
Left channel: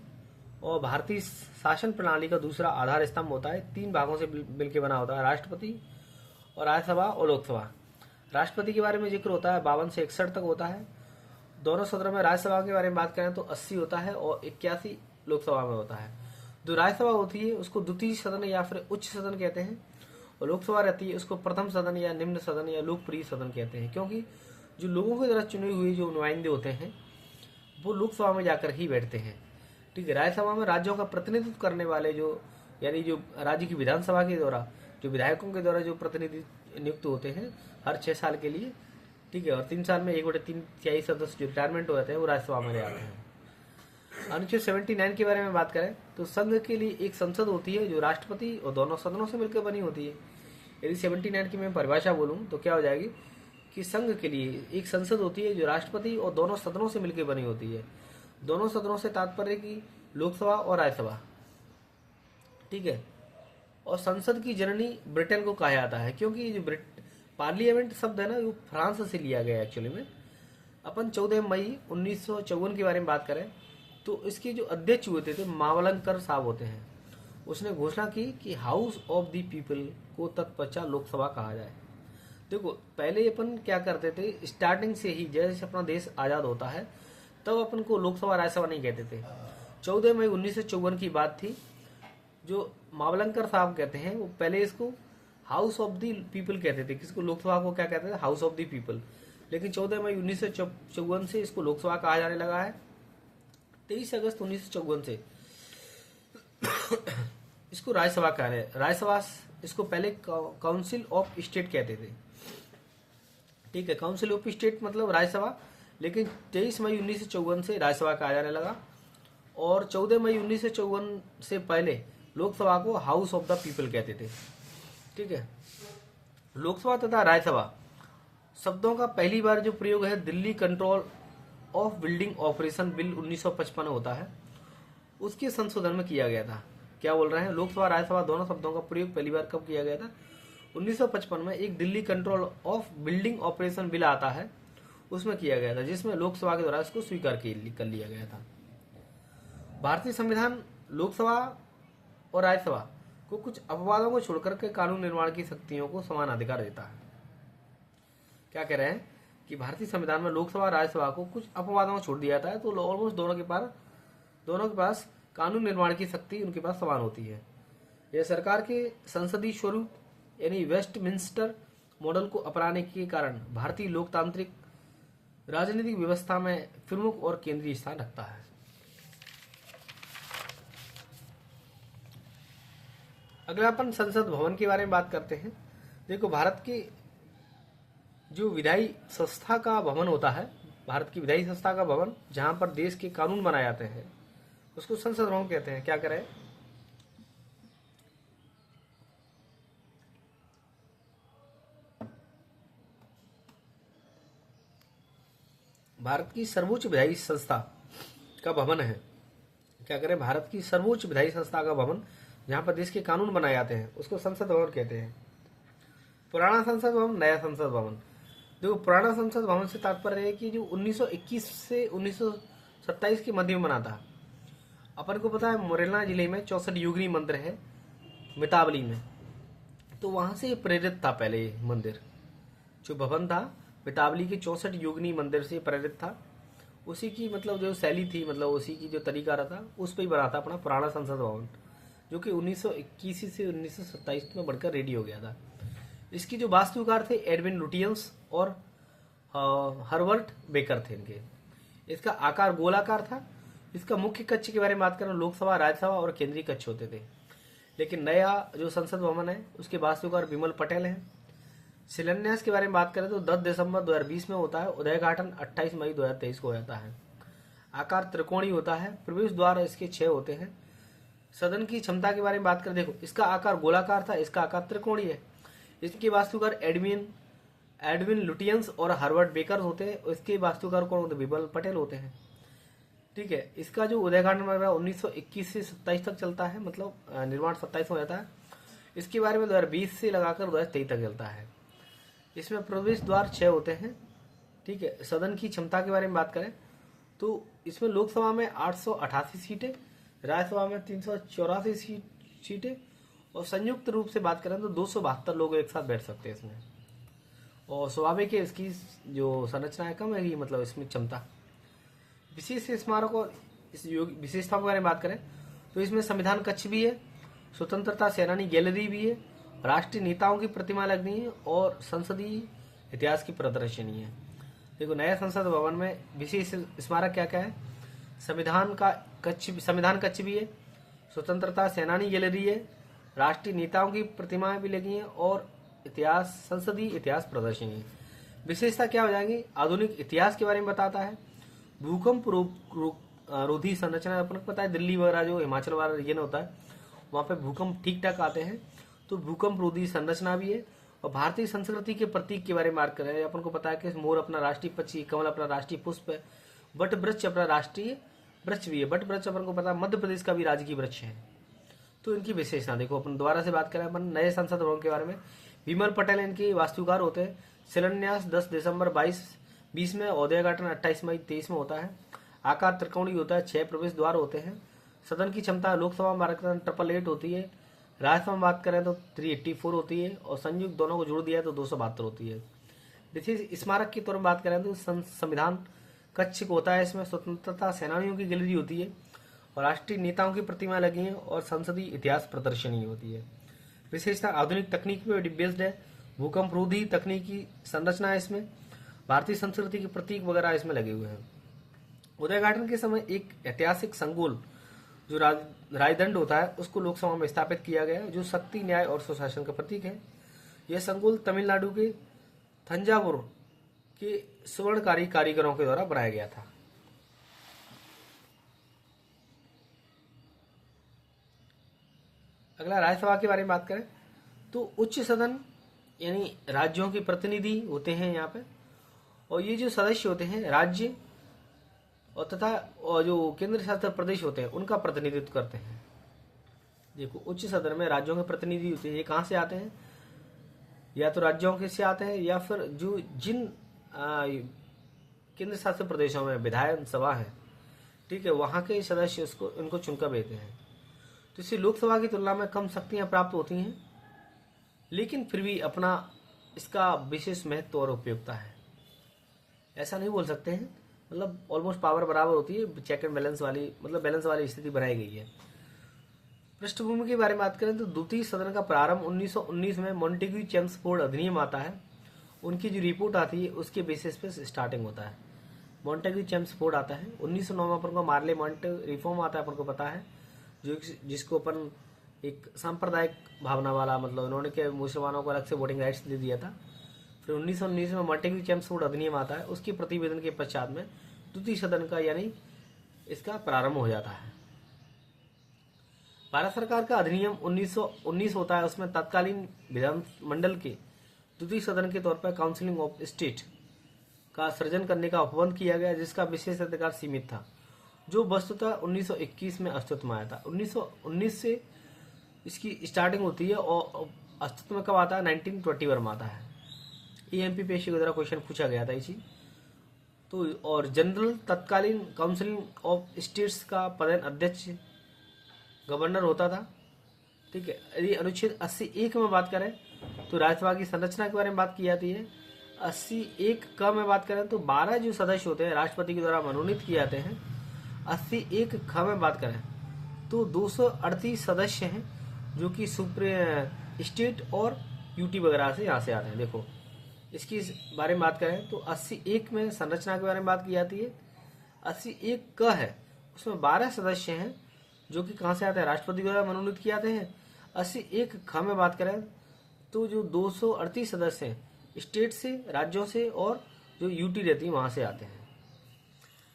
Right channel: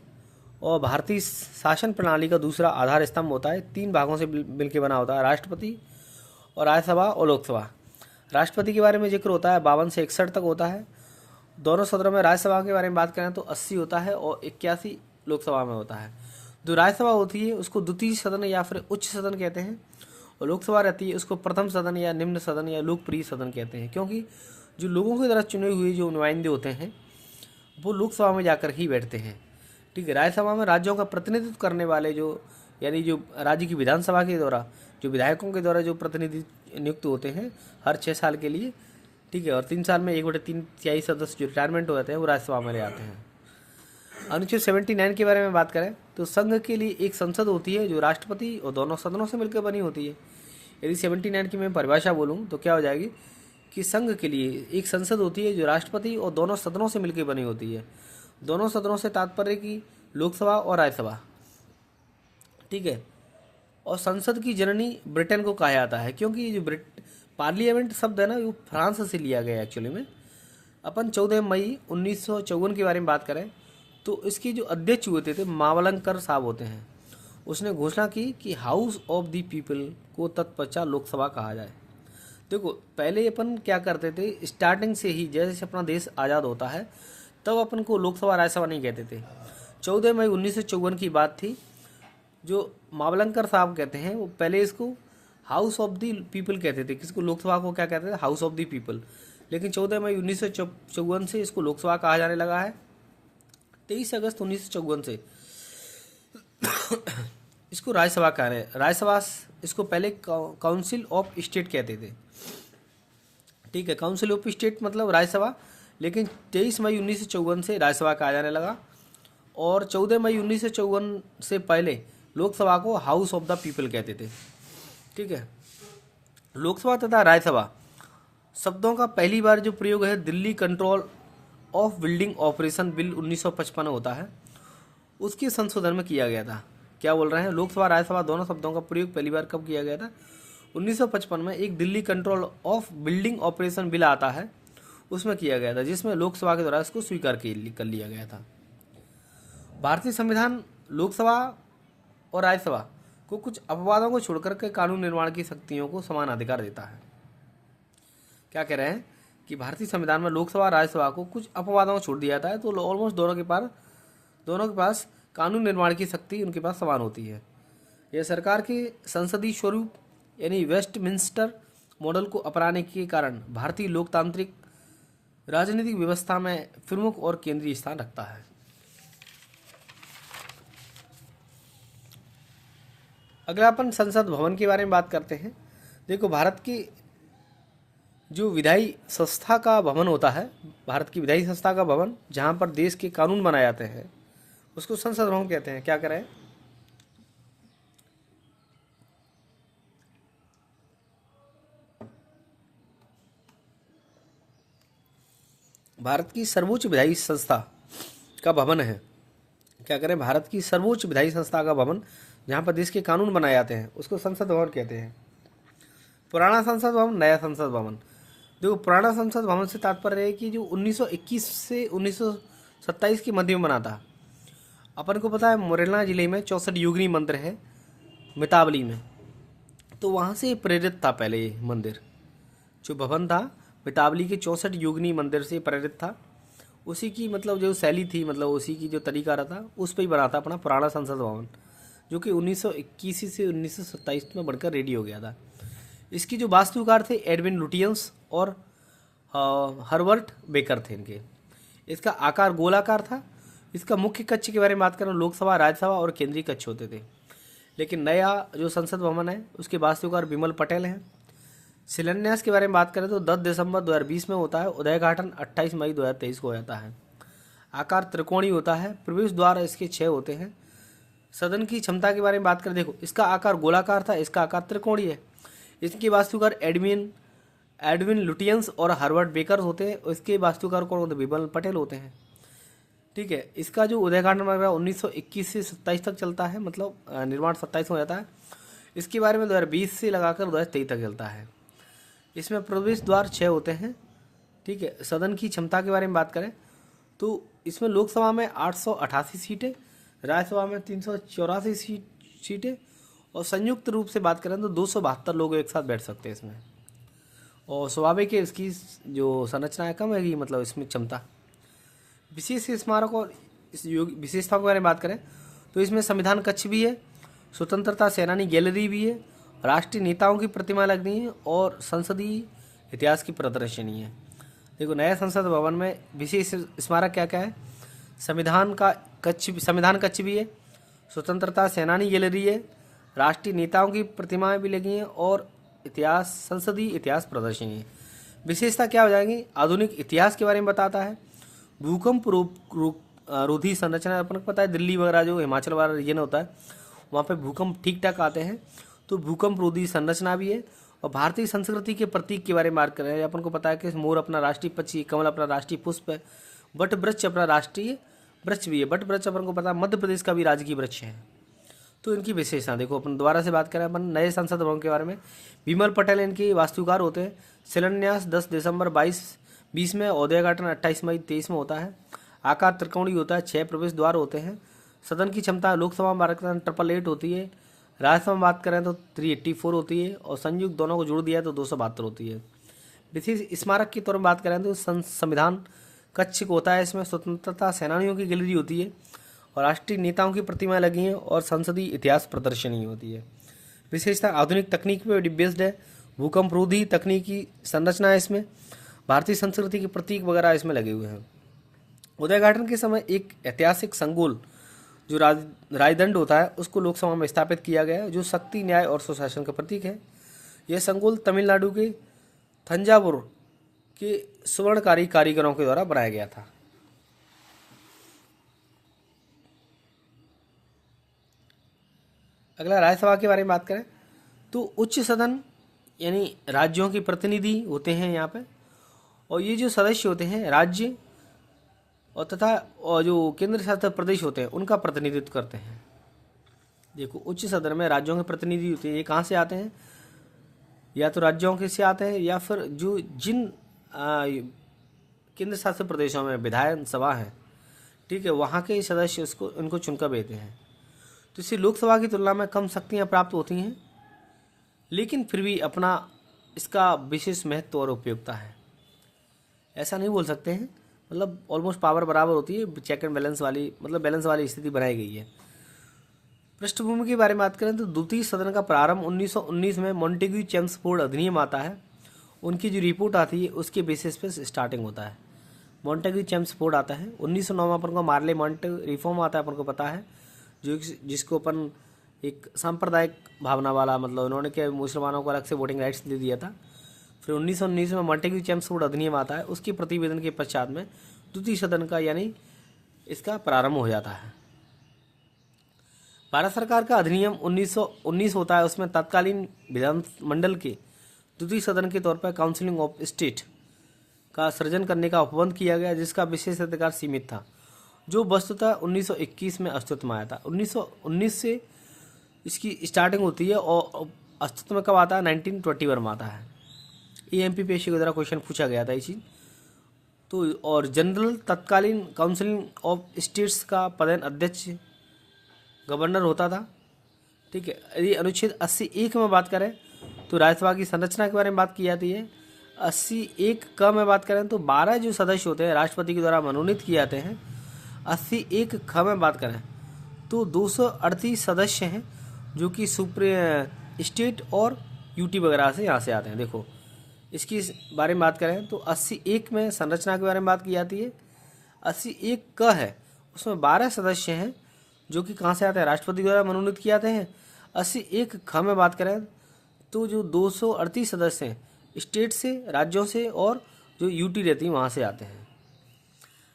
और भारतीय शासन प्रणाली का दूसरा आधार स्तंभ होता है। 3 भागों से मिलकर बना होता है, राष्ट्रपति और राज्यसभा और लोकसभा। राष्ट्रपति के बारे में जिक्र होता है 52 से 61 तक होता है। दोनों सदनों में राज्यसभा के बारे में बात करें तो 80 होता है और 81 लोकसभा में होता है। जो राज्यसभा होती है उसको द्वितीय सदन या फिर उच्च सदन कहते हैं, और लोकसभा रहती है उसको प्रथम सदन या निम्न सदन या लोकप्रिय सदन कहते हैं, क्योंकि जो लोगों के द्वारा चुने हुए जो नुमाइंदे होते हैं वो लोकसभा में जाकर ही बैठते हैं, ठीक है। राज्यसभा में राज्यों का प्रतिनिधित्व करने वाले जो यानी जो राज्य की विधानसभा के द्वारा जो विधायकों के द्वारा जो प्रतिनिधि नियुक्त होते हैं हर 6 साल के लिए, ठीक है, और 3 साल में 1/3 सदस्य जो रिटायरमेंट हो जाते हैं वो राज्यसभा में ले आते हैं। अनुच्छेद 79 के बारे में बात करें तो संघ के लिए एक संसद होती है जो राष्ट्रपति और दोनों सदनों से मिलकर बनी होती है। यदि 79 की मैं परिभाषा बोलूँ तो क्या हो जाएगी कि संघ के लिए एक संसद होती है जो राष्ट्रपति और दोनों सदनों से मिलकर बनी होती है। दोनों सदनों से तात्पर्य की लोकसभा और राज्यसभा, ठीक है। और संसद की जननी ब्रिटेन को कहा जाता है, क्योंकि जो पार्लियामेंट शब्द है ना वो फ्रांस से लिया गया एक्चुअली में। अपन 14 मई 1954 के बारे में बात करें तो इसके जो अध्यक्ष होते थे मावलंकर साहब होते हैं। उसने घोषणा की कि हाउस ऑफ द पीपल को तत्पश्चात लोकसभा कहा जाए। देखो पहले अपन क्या करते थे, स्टार्टिंग से ही जैसे अपना देश आज़ाद होता है तब अपन को लोकसभा राज्यसभा नहीं कहते थे। 14 मई 1954 की बात थी। जो मावलंकर साहब कहते हैं वो पहले इसको हाउस ऑफ द पीपल कहते थे, किसको, लोकसभा को क्या कहते थे, हाउस ऑफ द पीपल। लेकिन 14 मई 1954 से इसको लोकसभा कहा जाने लगा है। 23 अगस्त 1954 से इसको राज्यसभा कहा है। राज्यसभा इसको पहले काउंसिल ऑफ स्टेट कहते थे, ठीक है, काउंसिल ऑफ स्टेट मतलब राज्यसभा। लेकिन 23 मई 1954 से राज्यसभा कहा जाने लगा, और 14 मई 1954 से पहले लोकसभा को हाउस ऑफ द पीपल कहते थे, ठीक है। लोकसभा तथा राज्यसभा शब्दों का पहली बार जो प्रयोग है Delhi control of building operation bill 1955 होता है, उसके संशोधन में किया गया था। क्या बोल रहे हैं, लोकसभा राज्यसभा दोनों शब्दों का प्रयोग पहली बार कब किया गया था? 1955 में एक Delhi control of building operation bill आता है, उसमें किया गया था, जिसमें लोकसभा के द्वारा इसको स्वीकार कर लिया गया था। भारतीय संविधान लोकसभा और राज्यसभा को कुछ अपवादों को छोड़कर के कानून निर्माण की शक्तियों को समान अधिकार देता है। क्या कह रहे हैं कि भारतीय संविधान में लोकसभा राज्यसभा को कुछ अपवादों को छोड़ दिया जाता है, तो ऑलमोस्ट दोनों के पास कानून निर्माण की शक्ति उनके पास समान होती है। यह सरकार के संसदीय स्वरूप यानी वेस्टमिंस्टर मॉडल को अपनाने के कारण भारतीय लोकतांत्रिक राजनीतिक व्यवस्था में प्रमुख और केंद्रीय स्थान रखता है। अगर अपन संसद भवन के बारे में बात करते हैं, देखो भारत की जो विधायी संस्था का भवन होता है, भारत की विधायी संस्था का भवन जहाँ पर देश के कानून बनाए जाते हैं, उसको संसद भवन कहते हैं। क्या करें, भारत की सर्वोच्च विधायी संस्था का भवन है। क्या करें, भारत की सर्वोच्च विधायी संस्था का भवन जहाँ पर देश के कानून बनाए जाते हैं, उसको संसद भवन कहते हैं। पुराना संसद भवन, नया संसद भवन। देखो पुराना संसद भवन से तात्पर्य है कि जो 1921 से 1927 के मध्य में बना था। अपन को पता है मुरैना जिले में 64 योगिनी मंदिर है मितावली में, तो वहाँ से प्रेरित था पहले ये मंदिर। जो भवन था मितावली के 64 योगिनी मंदिर से प्रेरित था। उसी की मतलब जो शैली थी, मतलब उसी की जो तरीका रहा था, उस पर ही बना था अपना पुराना संसद भवन, जो कि 1921 से 1927 में बढ़कर रेडी हो गया था। इसकी जो वास्तुकार थे एडविन लुटियंस और हर्बर्ट बेकर थे इनके। इसका आकार गोलाकार था। इसका मुख्य कक्ष के बारे में बात करें, लोकसभा राज्यसभा और केंद्रीय कक्ष होते थे। लेकिन नया जो संसद भवन है उसके वास्तुकार विमल पटेल हैं। शिलान्यास के बारे में बात करें तो 10 दिसंबर 2020 में होता है। उद्घाटन 28 मई 2023 को हो जाता है। आकार त्रिकोणीय होता है। प्रवेश द्वार इसके 6 होते हैं। सदन की क्षमता के बारे में बात करें, देखो इसका आकार गोलाकार था, इसका आकार त्रिकोणीय है। इसके वास्तुकार एडविन लुटियंस और हार्वर्ड बेकर होते हैं। इसके वास्तुकार कौन होते हैं? विमल पटेल होते हैं। ठीक है, इसका जो उद्घाटन वगैरह 1921 से 27 तक चलता है, मतलब निर्माण 27 में हो जाता है। इसके बारे में 2020 से लगाकर 2023 तक चलता है। इसमें प्रवेश द्वार 6 होते हैं। ठीक है, सदन की क्षमता के बारे में बात करें तो इसमें लोकसभा में 888 सीटें, राज्यसभा में 384 सीटें और संयुक्त रूप से बात करें तो 272 लोग एक साथ बैठ सकते हैं इसमें। और स्वाभाविक है इसकी जो संरचना है कम है, मतलब इसमें क्षमता। विशेष स्मारक और इस विशेषताओं के बारे में बात करें तो इसमें संविधान कक्ष भी है, स्वतंत्रता सेनानी गैलरी भी है, राष्ट्रीय नेताओं की प्रतिमा लगी है और संसदीय इतिहास की प्रदर्शनी है। देखो नया संसद भवन में विशेष स्मारक क्या क्या है? संविधान कक्ष भी है, स्वतंत्रता सेनानी गैलरी है, राष्ट्रीय नेताओं की प्रतिमाएं भी लगी हैं और संसदीय इतिहास प्रदर्शनी है। विशेषता क्या हो जाएंगी? आधुनिक इतिहास के बारे में बताता है। भूकंप रोधी संरचना, अपन को पता है दिल्ली वगैरह जो हिमाचल वाला रीजन होता है वहाँ पे भूकंप ठीक ठाक आते हैं, तो भूकंप रोधी संरचना भी है। और भारतीय संस्कृति के प्रतीक के बारे में बात करें, अपन को पता है कि मोर अपना राष्ट्रीय पक्षी, कमल अपना राष्ट्रीय पुष्प है, वट वृक्ष अपना राष्ट्रीय वृक्ष भी है। वट वृक्ष अपन को पता है मध्य प्रदेश का भी राजकीय वृक्ष है। तो इनकी विशेषता देखो, अपन दोबारा से बात करें अपन नए संसद भवन के बारे में। विमल पटेल इनके वास्तुकार होते हैं। शिलान्यास 10 दिसंबर 2020 में, उद्घाटन 28 मई 23 में होता है। आकार त्रिकोणीय होता है। 6 प्रवेश द्वार होते हैं। सदन की क्षमता लोकसभा में 888 होती है, राज्यसभा में बात करें तो 384 होती है और संयुक्त दोनों को जोड़ दिया है तो 272 होती है। विशेष स्मारक की तौर में बात करें तो संविधान कक्ष होता है। इसमें स्वतंत्रता सेनानियों की गैलरी होती है और राष्ट्रीय नेताओं की प्रतिमाएं लगी हैं और संसदीय इतिहास प्रदर्शनी होती है। विशेषता आधुनिक तकनीक पे बेस्ड है। भूकंप रोधी तकनीकी संरचना है इसमें। भारतीय संस्कृति के प्रतीक वगैरह इसमें लगे हुए हैं। उद्घाटन के समय एक ऐतिहासिक संकुल जो राजदंड होता है उसको लोकसभा में स्थापित किया गया है, जो शक्ति, न्याय और सुशासन का प्रतीक है। यह संकुल तमिलनाडु के थंजावुर के स्वर्णकारी कारीगरों के द्वारा बनाया गया था। अगला राज्यसभा के बारे में बात करें तो उच्च सदन यानी राज्यों के प्रतिनिधि होते हैं यहाँ पे, और ये जो सदस्य होते हैं राज्य और तथा और जो केंद्र शासित प्रदेश होते हैं उनका प्रतिनिधित्व करते हैं। देखो, उच्च सदन में राज्यों के प्रतिनिधि होते हैं, ये कहाँ से आते हैं? या तो राज्यों के से आते हैं, या फिर जो जिन केंद्र शासित प्रदेशों में विधान सभा है, ठीक है, वहाँ के सदस्य उसको इनको चुनकर भेजते हैं। तो इससे लोकसभा की तुलना में कम शक्तियाँ प्राप्त होती हैं, लेकिन फिर भी अपना इसका विशेष महत्व और उपयोगिता है। ऐसा नहीं बोल सकते हैं, मतलब ऑलमोस्ट पावर बराबर होती है, चेक एंड बैलेंस वाली, मतलब बैलेंस वाली स्थिति बनाई गई है। पृष्ठभूमि के बारे में बात करें तो द्वितीय सदन का प्रारंभ 1919 में मॉन्टेग्यू चेम्सफोर्ड अधिनियम आता है, उनकी जो रिपोर्ट आती है उसके बेसिस पे स्टार्टिंग होता है। मॉन्टेग्यू चेम्सफोर्ड आता है 1909 में, अपन को मार्ले मॉन्टे रिफॉर्म आता है, अपन को पता है, जो जिसको अपन एक सांप्रदायिक भावना वाला, मतलब उन्होंने क्या मुसलमानों को अलग से वोटिंग राइट्स दे दिया था। फिर 1919 में मॉन्टेग्यू चेम्सफोर्ड अधिनियम आता है, उसके प्रतिवेदन के पश्चात में द्वितीय सदन का यानी इसका प्रारंभ हो जाता है। भारत सरकार का अधिनियम 1919 होता है, उसमें तत्कालीन विधानमंडल के द्वितीय सदन के तौर पर काउंसिलिंग ऑफ स्टेट का सृजन करने का उपबंध किया गया, जिसका विशेष अधिकार सीमित था, जो वस्तुतः 1921 में अस्तित्व में आया था। 1919 से इसकी स्टार्टिंग होती है और अस्तित्व में कब आता है? 1921 में आता है। एमपीएससी के द्वारा क्वेश्चन पूछा गया था इसी तो। और जनरल तत्कालीन काउंसिलिंग ऑफ स्टेट्स का पदेन अध्यक्ष गवर्नर होता था, ठीक है। यदि अनुच्छेद 80(1) में बात करें तो राज्यसभा की संरचना के बारे में बात की जाती है। 80(1) में बात करें तो 12 जो सदस्य होते हैं राष्ट्रपति के द्वारा मनोनीत किए जाते हैं। 80(1) में बात करें तो 238 सदस्य हैं, जो कि सुप्रीम स्टेट और यूटी वगैरह से यहाँ से आते हैं। देखो, इसकी बारे में बात करें तो 80(1) में संरचना के बारे में बात की जाती है। 80(1) है, उसमें 12 सदस्य हैं जो कि कहाँ से आते हैं? राष्ट्रपति द्वारा मनोनीत किए जाते हैं। 80(1) में बात करें तो जो 238 सदस्य हैं स्टेट से, राज्यों से, और जो यूटी रहती है वहाँ से आते हैं।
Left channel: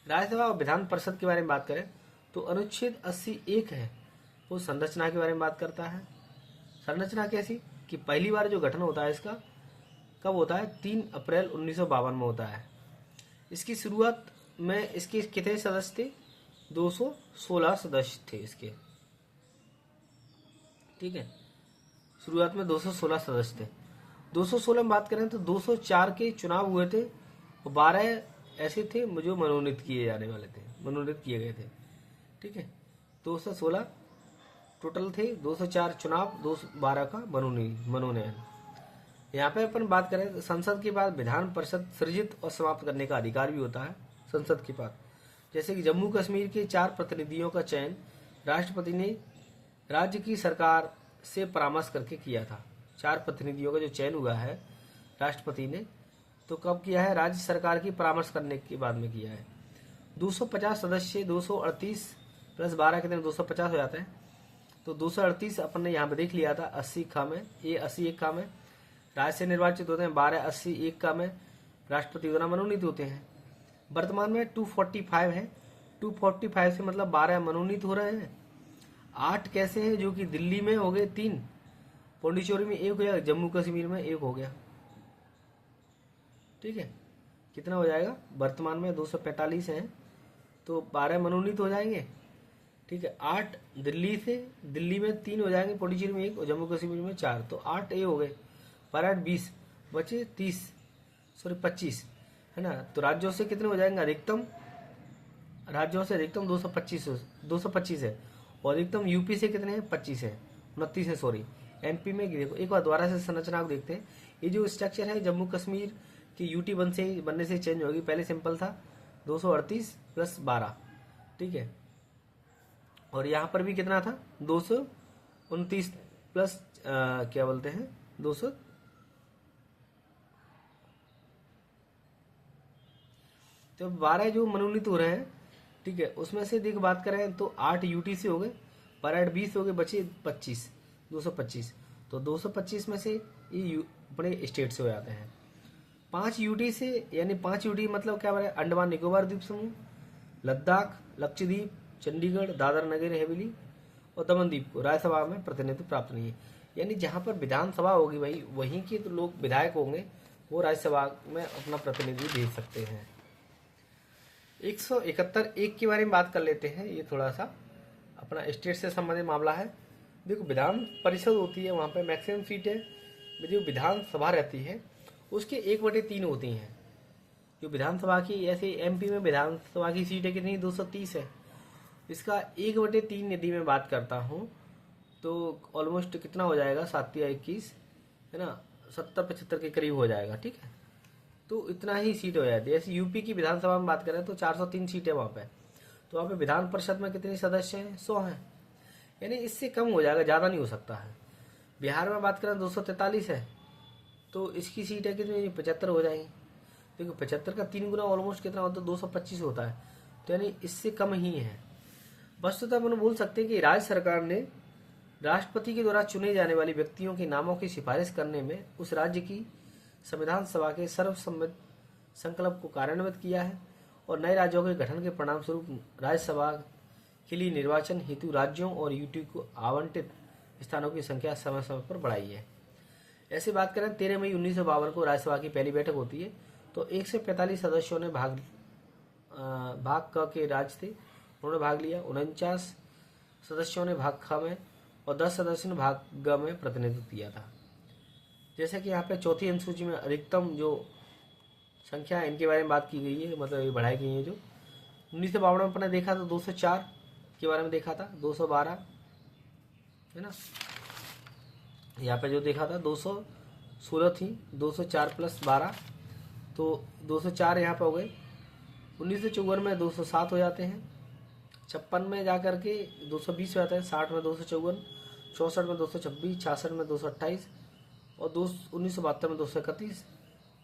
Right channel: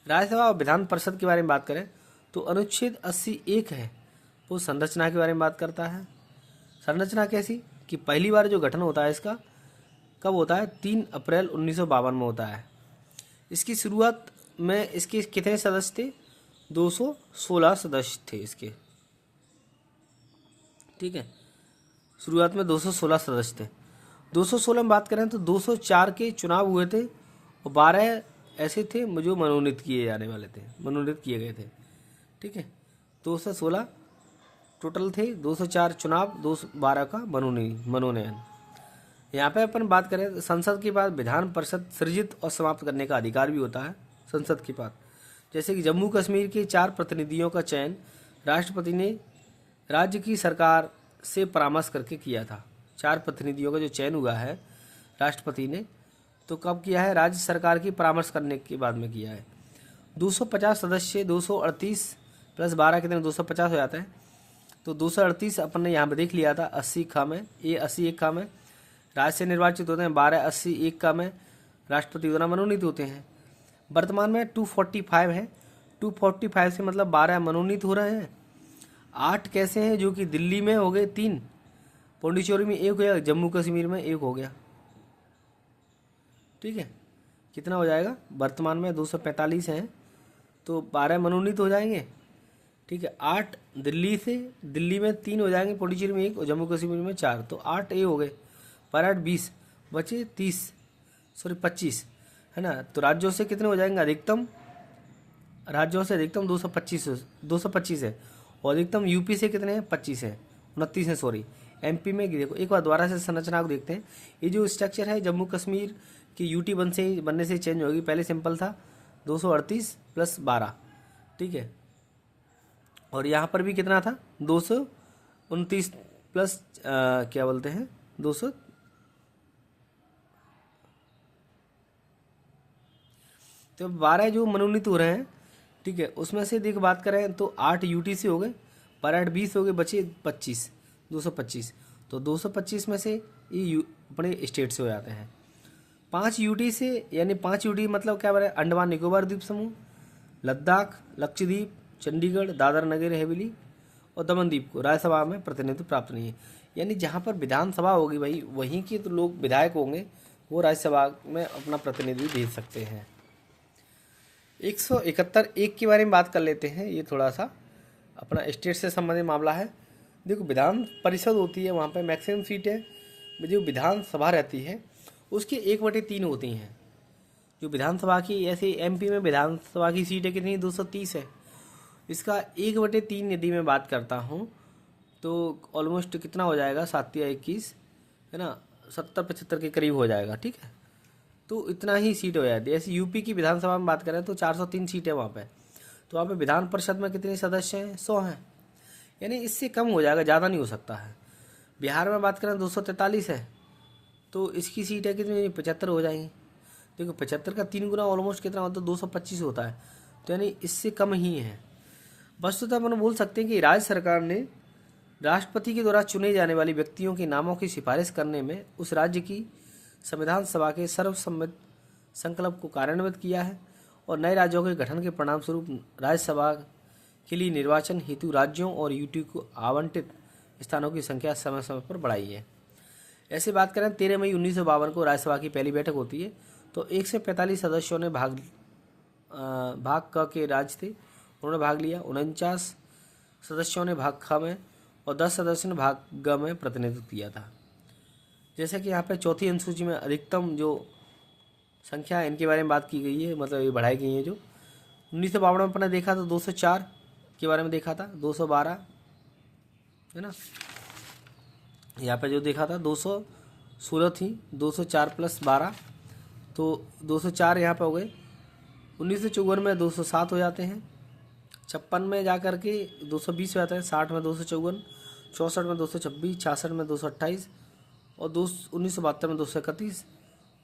राज्यसभा और विधान परिषद के बारे में बात करें तो अनुच्छेद 80(1) है, वो संरचना के बारे में बात करता है। संरचना कैसी कि पहली बार जो गठन होता है इसका कब होता है? 3 अप्रैल 1952 में होता है। इसकी शुरुआत में इसके कितने सदस्य थे? 216 सदस्य थे इसके, ठीक है। शुरुआत में 216 सदस्य थे। 216 में बात करें तो 204 के चुनाव हुए थे और 12 ऐसे थे जो मनोनीत किए जाने वाले थे, मनोनीत किए गए थे, ठीक है। 216 टोटल थे, 204 चुनाव, 212 का मनोनयन। यहाँ पे अपन बात करें तो संसद के बाद विधान परिषद सृजित और समाप्त करने का अधिकार भी होता है संसद के पास। जैसे कि जम्मू कश्मीर के 4 प्रतिनिधियों का चयन राष्ट्रपति ने राज्य की सरकार से परामर्श करके किया था। 4 प्रतिनिधियों का जो चयन हुआ है राष्ट्रपति ने, तो कब किया है? राज्य सरकार की परामर्श करने के बाद में किया है। 250 सदस्य, 238 प्लस 12 कितने? 250 हो जाता है। तो 238 अपन ने यहाँ पे देख लिया था 80 में, ये 81 में राज्य से निर्वाचित होते हैं, 12 81 में राष्ट्रपति द्वारा मनोनीत होते हैं। वर्तमान में 245 है, 245 से मतलब 12 मनोनीत हो रहे हैं। 8 कैसे हैं? जो कि दिल्ली में हो गए 3, पौंडीचेरी में 1 हो गया, जम्मू कश्मीर में 1 हो गया, ठीक है। कितना हो जाएगा? वर्तमान में 245 हैं तो 12 मनोनीत हो जाएंगे, ठीक है। 8 दिल्ली से, दिल्ली में 3 हो जाएंगे, पौंडीचेरी में 1 और जम्मू कश्मीर में 4, तो 8 ये हो गए, पर 8 20 बचे 25 है ना। तो राज्यों से कितने हो जाएंगे? अधिकतम राज्यों से अधिकतम 225 है, और अधिकतम यूपी से कितने हैं? 25 है, 29 है, सॉरी। एमपी में देखो, एक बार दोबारा से संरचना को देखते हैं। ये जो स्ट्रक्चर है जम्मू कश्मीर की यूटी बनने से चेंज होगी। पहले सिंपल था 238 प्लस 12, ठीक है। और यहाँ पर भी कितना था? 229 प्लस क्या बोलते हैं 200, तो 12 जो मनोनीत हो रहे हैं, ठीक है। उसमें से देख बात करें तो 8 यूटी से हो गए, पर 8 20 हो गए, बचे 25, 225। तो 225 में से ये अपने स्टेट से हो जाते हैं। 5 यूटी से, यानी 5 यूटी मतलब क्या बने? अंडमान निकोबार द्वीप समूह, लद्दाख, लक्षद्वीप, चंडीगढ़, दादर नगर हवेली और दमन द्वीप को राज्यसभा में प्रतिनिधित्व प्राप्त नहीं है। यानी जहाँ पर विधानसभा होगी भाई, वहीं के तो लोग विधायक होंगे, वो राज्यसभा में अपना प्रतिनिधि भेज सकते हैं। 171(1) के बारे में बात कर लेते हैं। ये थोड़ा सा अपना स्टेट से संबंधित मामला है। देखो विधान परिषद होती है, वहाँ पे मैक्सिमम सीटें जो विधानसभा रहती है उसकी 1/3 होती हैं। जो विधानसभा की, ऐसे एमपी में विधानसभा की सीटें कितनी, 230 है। इसका 1/3 यदि मैं बात करता हूँ तो ऑलमोस्ट कितना हो जाएगा, 7 या 21 है ना, 70-75 के करीब हो जाएगा। ठीक है, तो इतना ही सीट हो जाती है। ऐसे यूपी की विधानसभा में बात करें तो 403 सीटें वहाँ पे। तो वहाँ पे विधान परिषद में कितने सदस्य हैं, 100 हैं, यानी इससे कम हो जाएगा, ज़्यादा नहीं हो सकता है। बिहार में बात करें 243 है, तो इसकी सीटें कितनी, 75 हो जाएंगी। देखो 75 का 3 गुना ऑलमोस्ट कितना होता है, 225 होता है, तो यानी इससे कम ही है। वस्तुतः अपन बोल सकते हैं कि राज्य सरकार ने राष्ट्रपति के द्वारा चुने जाने वाले व्यक्तियों के नामों की सिफारिश करने में उस राज्य की संविधान सभा के सर्वसम्मत संकल्प को कार्यान्वित किया है और नए राज्यों के गठन के परिणाम स्वरूप राज्यसभा के लिए निर्वाचन हेतु राज्यों और यूटी को आवंटित स्थानों की संख्या समय समय पर बढ़ाई है। ऐसे बात करें 13 मई 1952 को राज्यसभा की पहली बैठक होती है, तो 145 सदस्यों ने भाग क के राज्य थे, उन्होंने भाग लिया। 49 सदस्यों ने भाग ख में और 10 सदस्यों ने भाग ग में प्रतिनिधित्व किया था। जैसे कि यहाँ पे चौथी अनुसूची में अधिकतम जो संख्या है इनके बारे में बात की गई है, मतलब ये बढ़ाई गई है। जो 1952 में अपने देखा तो 204 के बारे में देखा था, 212 है ना, यहाँ पे जो देखा था 216 थी, 204 + 12 तो 204 यहाँ पे हो गए। 1954 में 207 हो जाते हैं, 56 में जा कर के 220 हो जाते हैं, 60 में 254, 64 में 226, 66 में 228 और 1972 में 231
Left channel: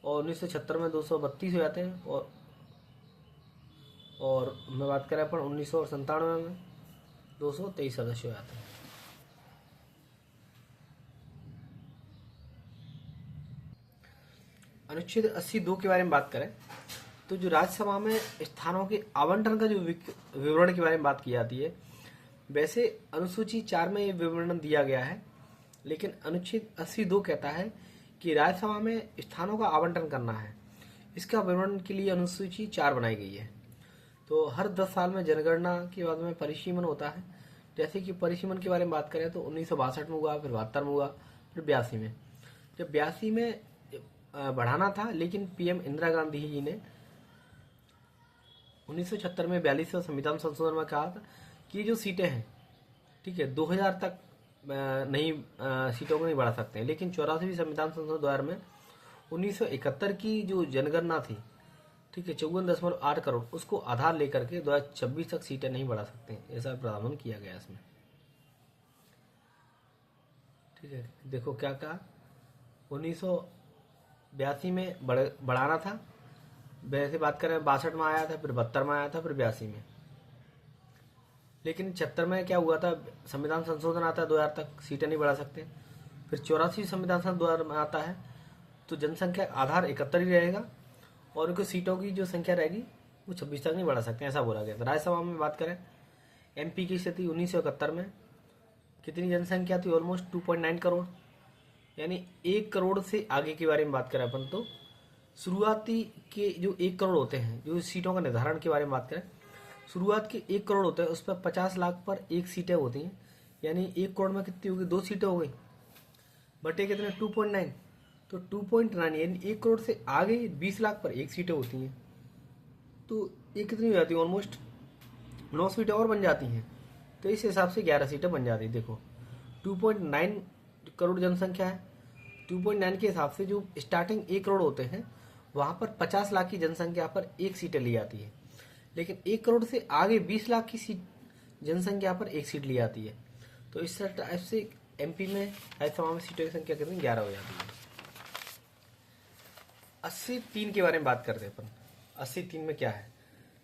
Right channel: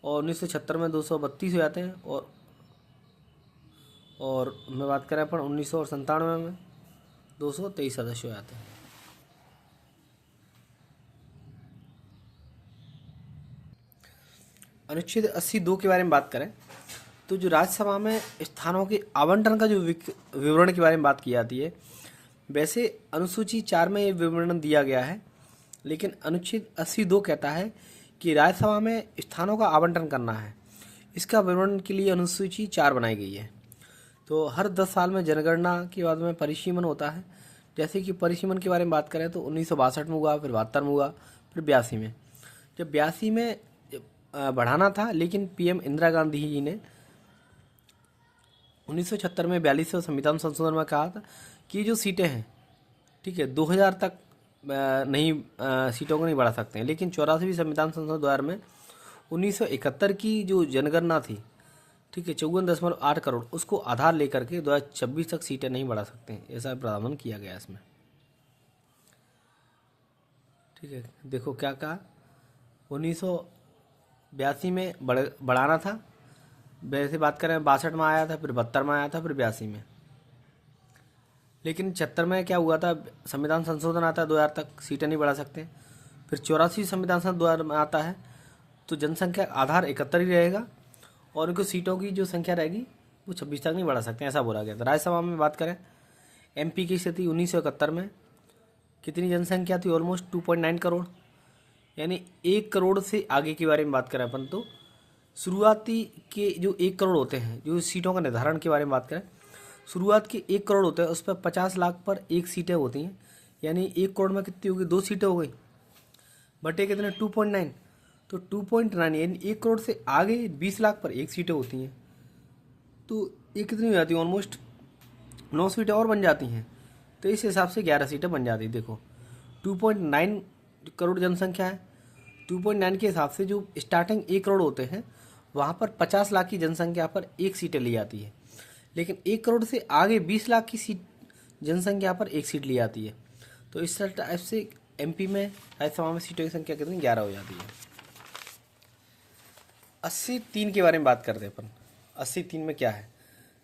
और 1976 में 232 हो जाते हैं। और मैं बात करें अपन 1997 में 223 सदस्य हो जाते हैं। अनुच्छेद 82 के बारे में बात करें तो जो राज्यसभा में स्थानों के आवंटन का जो विवरण के बारे में बात की जाती है, वैसे अनुसूची 4 में ये विवरण दिया गया है, लेकिन अनुच्छेद 82 कहता है कि राज्यसभा में स्थानों का आवंटन करना है। इसका विवरण के लिए अनुसूची 4 बनाई गई है। तो हर 10 साल में जनगणना के बाद में परिसीमन होता है। जैसे कि परिसीमन के बारे में बात करें तो 1962 में हुआ, फिर 72 में हुआ, फिर 82 में। जब 82 में बढ़ाना था, लेकिन पीएम इंदिरा गांधी जी ने 1976 में 42वें संविधान संशोधन में कहा था कि ये जो सीटें हैं, ठीक है, 2000 तक नहीं सीटों को नहीं बढ़ा सकते हैं। लेकिन 84वीं संविधान संशोधन 2000 में 1971 की जो जनगणना थी, ठीक है, 54.8 करोड़, उसको आधार लेकर के 2026 तक सीटें नहीं बढ़ा सकते हैं, ऐसा प्रावधान किया गया इसमें। ठीक है, देखो क्या कहा, 1982 में बढ़ाना था, वैसे बात करें 62 में आया था, फिर 72 में आया था, फिर 82 में। लेकिन 76 में क्या हुआ था, संविधान संशोधन आता है, 2000 तक सीटें नहीं बढ़ा सकते। फिर 84 संविधान संशोधन 2000 में आता है, तो जनसंख्या आधार 71 ही रहेगा और उनकी सीटों की जो संख्या रहेगी वो 26 तक नहीं बढ़ा सकते, ऐसा बोला गया था। राज्यसभा में बात करें एमपी की स्थिति 1971 में कितनी जनसंख्या थी, ऑलमोस्ट 2.9 करोड़, यानी 1 करोड़ से आगे के बारे में बात करें अपन तो शुरुआती के जो 1 करोड़ होते हैं, जो सीटों का निर्धारण के बारे में बात करें, शुरुआत के 1 करोड़ होते हैं, उस पर 50 लाख पर 1 सीटें होती हैं, यानी 1 करोड़ में कितनी होगी, 2 सीटें हो गई, बटे कितने 2.9, तो 2.9 यानी 1 करोड़ से आगे 20 लाख पर 1 सीटें होती हैं, तो ये कितनी हो जाती है, ऑलमोस्ट 9 सीटें और बन जाती हैं। तो इस हिसाब से 11 सीटें बन जाती है। देखो 2.9 करोड़ जनसंख्या है, 2.9 के हिसाब से जो स्टार्टिंग 1 करोड़ होते हैं वहाँ पर 50 लाख की जनसंख्या पर 1 सीटें ली जाती है, लेकिन 1 करोड़ से आगे 20 लाख की सीट जनसंख्या पर 1 सीट ली जाती है। तो इस टाइप से एमपी में राज्यसभा में सीटों की संख्या कितनी, 11 हो जाती है। 83 के बारे में बात करते हैं अपन। 83 में क्या है,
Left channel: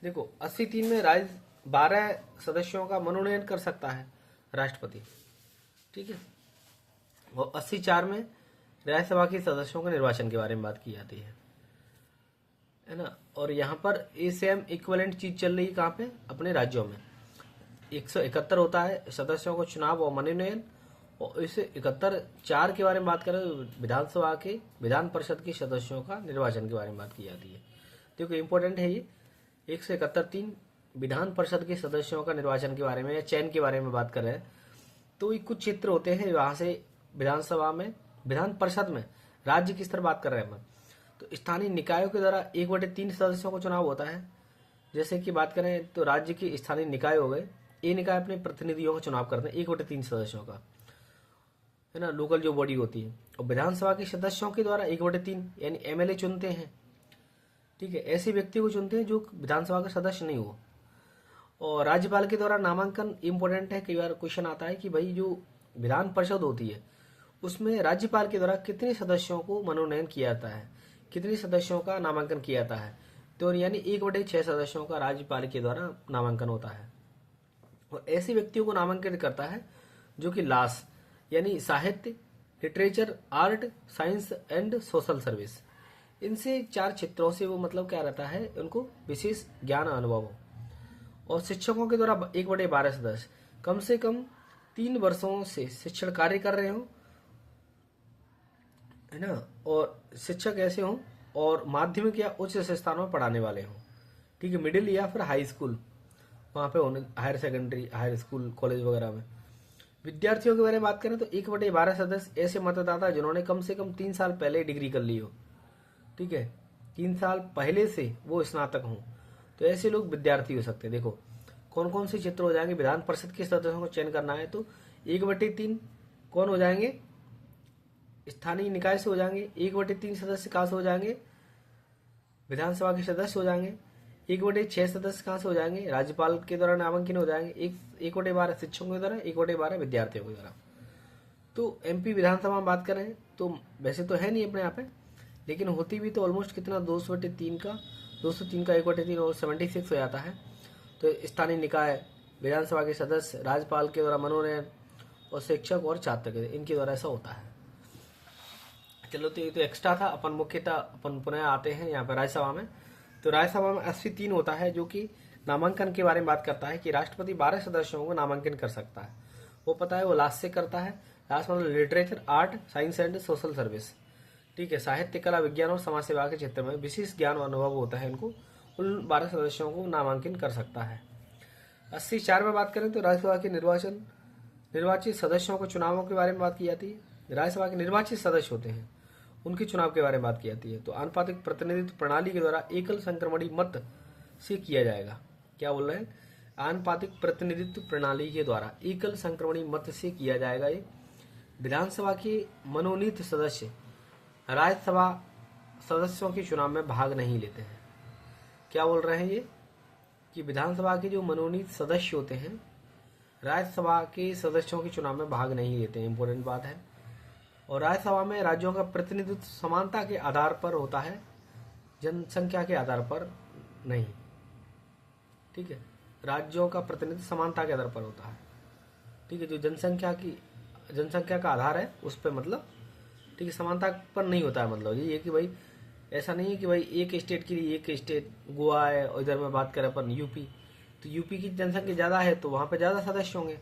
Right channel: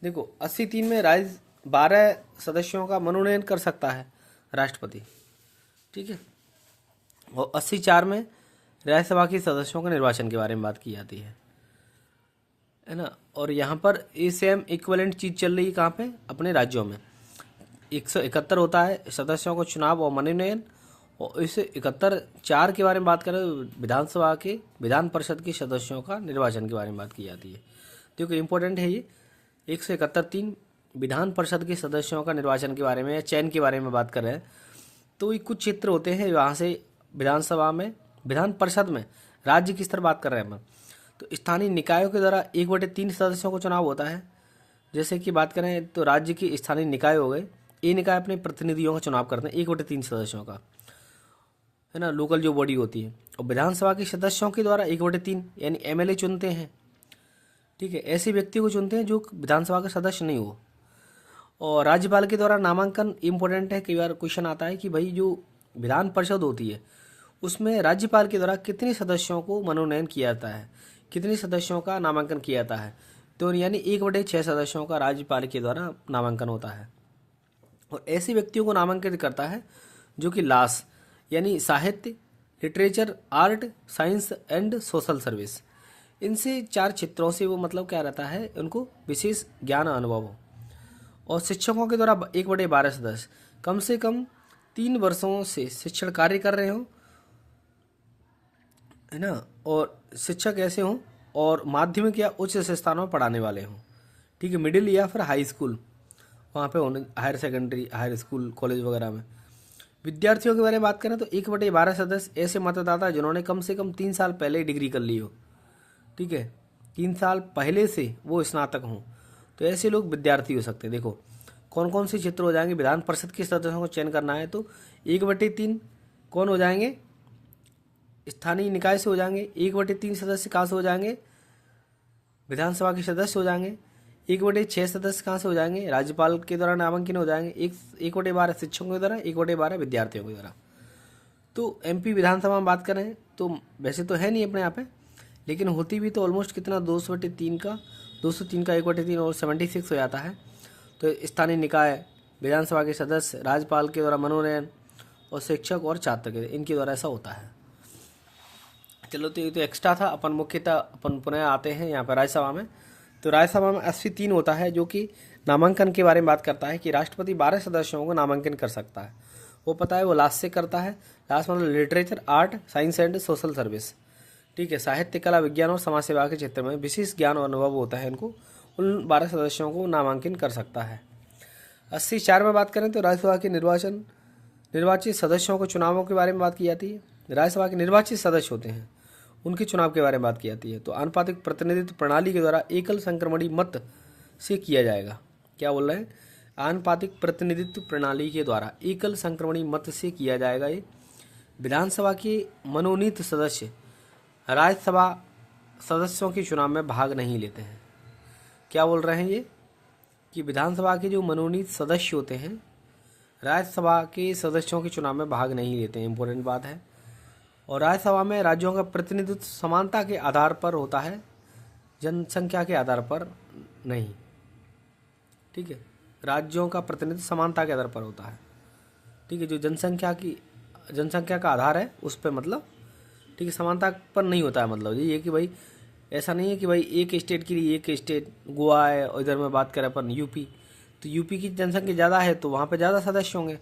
देखो 83 में राज्य 12 सदस्यों का मनोनयन कर सकता है राष्ट्रपति, ठीक है, और 84 में राज्यसभा के सदस्यों के निर्वाचन के बारे में बात की जाती है ना। और यहाँ पर ये सेम इक्विवेलेंट चीज़ चल रही है कहाँ पे, अपने राज्यों में 171 होता है सदस्यों को चुनाव और मनोनयन, और इस 71(4) के बारे में बात करें विधानसभा के विधान परिषद के सदस्यों का निर्वाचन के बारे में बात की जाती है। देखो इम्पोर्टेंट है ये 171(3) विधान परिषद के सदस्यों का निर्वाचन के बारे में या चयन के बारे में बात कर रहे हैं। तो ये कुछ क्षेत्र होते हैं वहाँ से विधानसभा में, विधान परिषद में, राज्य की स्तर बात कर रहे हैं अपन, तो स्थानीय निकायों के द्वारा 1/3 सदस्यों को चुनाव होता है। जैसे कि बात करें तो राज्य के स्थानीय निकाय हो गए, ये निकाय अपने प्रतिनिधियों का चुनाव करते हैं 1/3 सदस्यों का, है ना, लोकल जो बॉडी होती है। और विधानसभा के सदस्यों के द्वारा 1/3 यानी एमएलए चुनते हैं। ठीक है, ऐसे व्यक्ति को चुनते हैं जो विधानसभा का सदस्य नहीं हो। और राज्यपाल के द्वारा नामांकन इम्पोर्टेंट है, कई बार क्वेश्चन आता है कि भाई जो विधान परिषद होती है उसमें राज्यपाल के द्वारा कितने सदस्यों को मनोनयन किया जाता है, कितने सदस्यों का नामांकन किया जाता है, तो यानी 1/6 सदस्यों का राज्यपाल के द्वारा नामांकन होता है। और ऐसे व्यक्तियों को नामांकित करता है जो कि लास यानी साहित्य, literature, art, science and social service, इनसे 4 क्षेत्रों से वो मतलब क्या रहता है, उनको विशेष ज्ञान अनुभव हो। और शिक्षकों के द्वारा 1/12 सदस्य कम से कम 3 वर्षों से शिक्षण कार्य कर रहे हो, है ना, और शिक्षक ऐसे हों और माध्यमिक या उच्च संस्थानों में पढ़ाने वाले हों। ठीक है, मिडिल या फिर हाई स्कूल वहाँ पे होने, higher secondary, higher school, college वगैरह में। विद्यार्थियों के बारे में बात करें तो 1/12 सदस्य ऐसे मतदाता जिन्होंने कम से कम 3 साल पहले डिग्री कर ली हो। ठीक है, 3 साल पहले से वो स्नातक हों, तो ऐसे लोग विद्यार्थी हो सकते हैं। देखो कौन कौन से क्षेत्र हो जाएंगे, विधान परिषद के सदस्यों को चयन करना है तो 1/3 कौन हो जाएंगे, स्थानीय निकाय से हो जाएंगे। 1/3 सदस्य कहाँ से हो जाएंगे, विधानसभा के सदस्य हो जाएंगे। 1/6 सदस्य कहाँ से हो जाएंगे, राज्यपाल के द्वारा नामांकन हो जाएंगे। 1/12 शिक्षकों के द्वारा, 1/12 विद्यार्थियों के द्वारा। तो एमपी विधानसभा में बात करें तो वैसे तो है नहीं अपने यहाँ पे, लेकिन होती भी तो ऑलमोस्ट कितना 203 का 1/3 और 76 हो जाता है। तो स्थानीय निकाय, विधानसभा के सदस्य, राज्यपाल के द्वारा मनोनयन और शिक्षक और छात्र के, इनके द्वारा ऐसा होता है। चलो, तो ये तो एक्स्ट्रा था। अपन मुख्यतः अपन पुनः आते हैं यहाँ पर राज्यसभा में। तो राज्यसभा में 80-3 होता है जो कि नामांकन के बारे में बात करता है कि राष्ट्रपति 12 सदस्यों को नामांकन कर सकता है। वो पता है वो लास्ट से करता है। लास्ट मतलब literature, art, science and social service. ठीक है, साहित्य, कला, विज्ञान और समाज सेवा के क्षेत्र में विशेष ज्ञान और अनुभव होता है इनको, उन 12 सदस्यों को नामांकन कर सकता है। 80-4 में बात करें तो राज्यसभा के निर्वाचित सदस्यों को चुनावों के बारे में बात की जाती है। राज्यसभा के निर्वाचित सदस्य होते हैं, उनके चुनाव के बारे में बात की जाती है। तो आनुपातिक प्रतिनिधित्व प्रणाली के द्वारा एकल संक्रमणी मत से किया जाएगा। क्या बोल रहे हैं, आनुपातिक प्रतिनिधित्व प्रणाली के द्वारा एकल संक्रमणी मत से किया जाएगा। ये विधानसभा के मनोनीत सदस्य राज्यसभा सदस्यों के चुनाव में भाग नहीं लेते हैं। क्या बोल रहे हैं ये कि विधानसभा के जो मनोनीत सदस्य होते हैं राज्यसभा के सदस्यों के चुनाव में भाग नहीं लेते हैं, इंपॉर्टेंट बात है। और राज्यसभा में राज्यों का प्रतिनिधित्व समानता के आधार पर होता है, जनसंख्या के आधार पर नहीं। ठीक है, राज्यों का प्रतिनिधित्व समानता के आधार पर होता है। ठीक है, जो जनसंख्या का आधार है उस पर मतलब, ठीक है, समानता पर नहीं होता है। मतलब ये कि भाई ऐसा नहीं है कि भाई एक स्टेट के लिए एक स्टेट, गोवा है और इधर में बात करें अपन यूपी, तो यूपी की जनसंख्या ज़्यादा है तो वहाँ पे ज़्यादा सदस्य होंगे।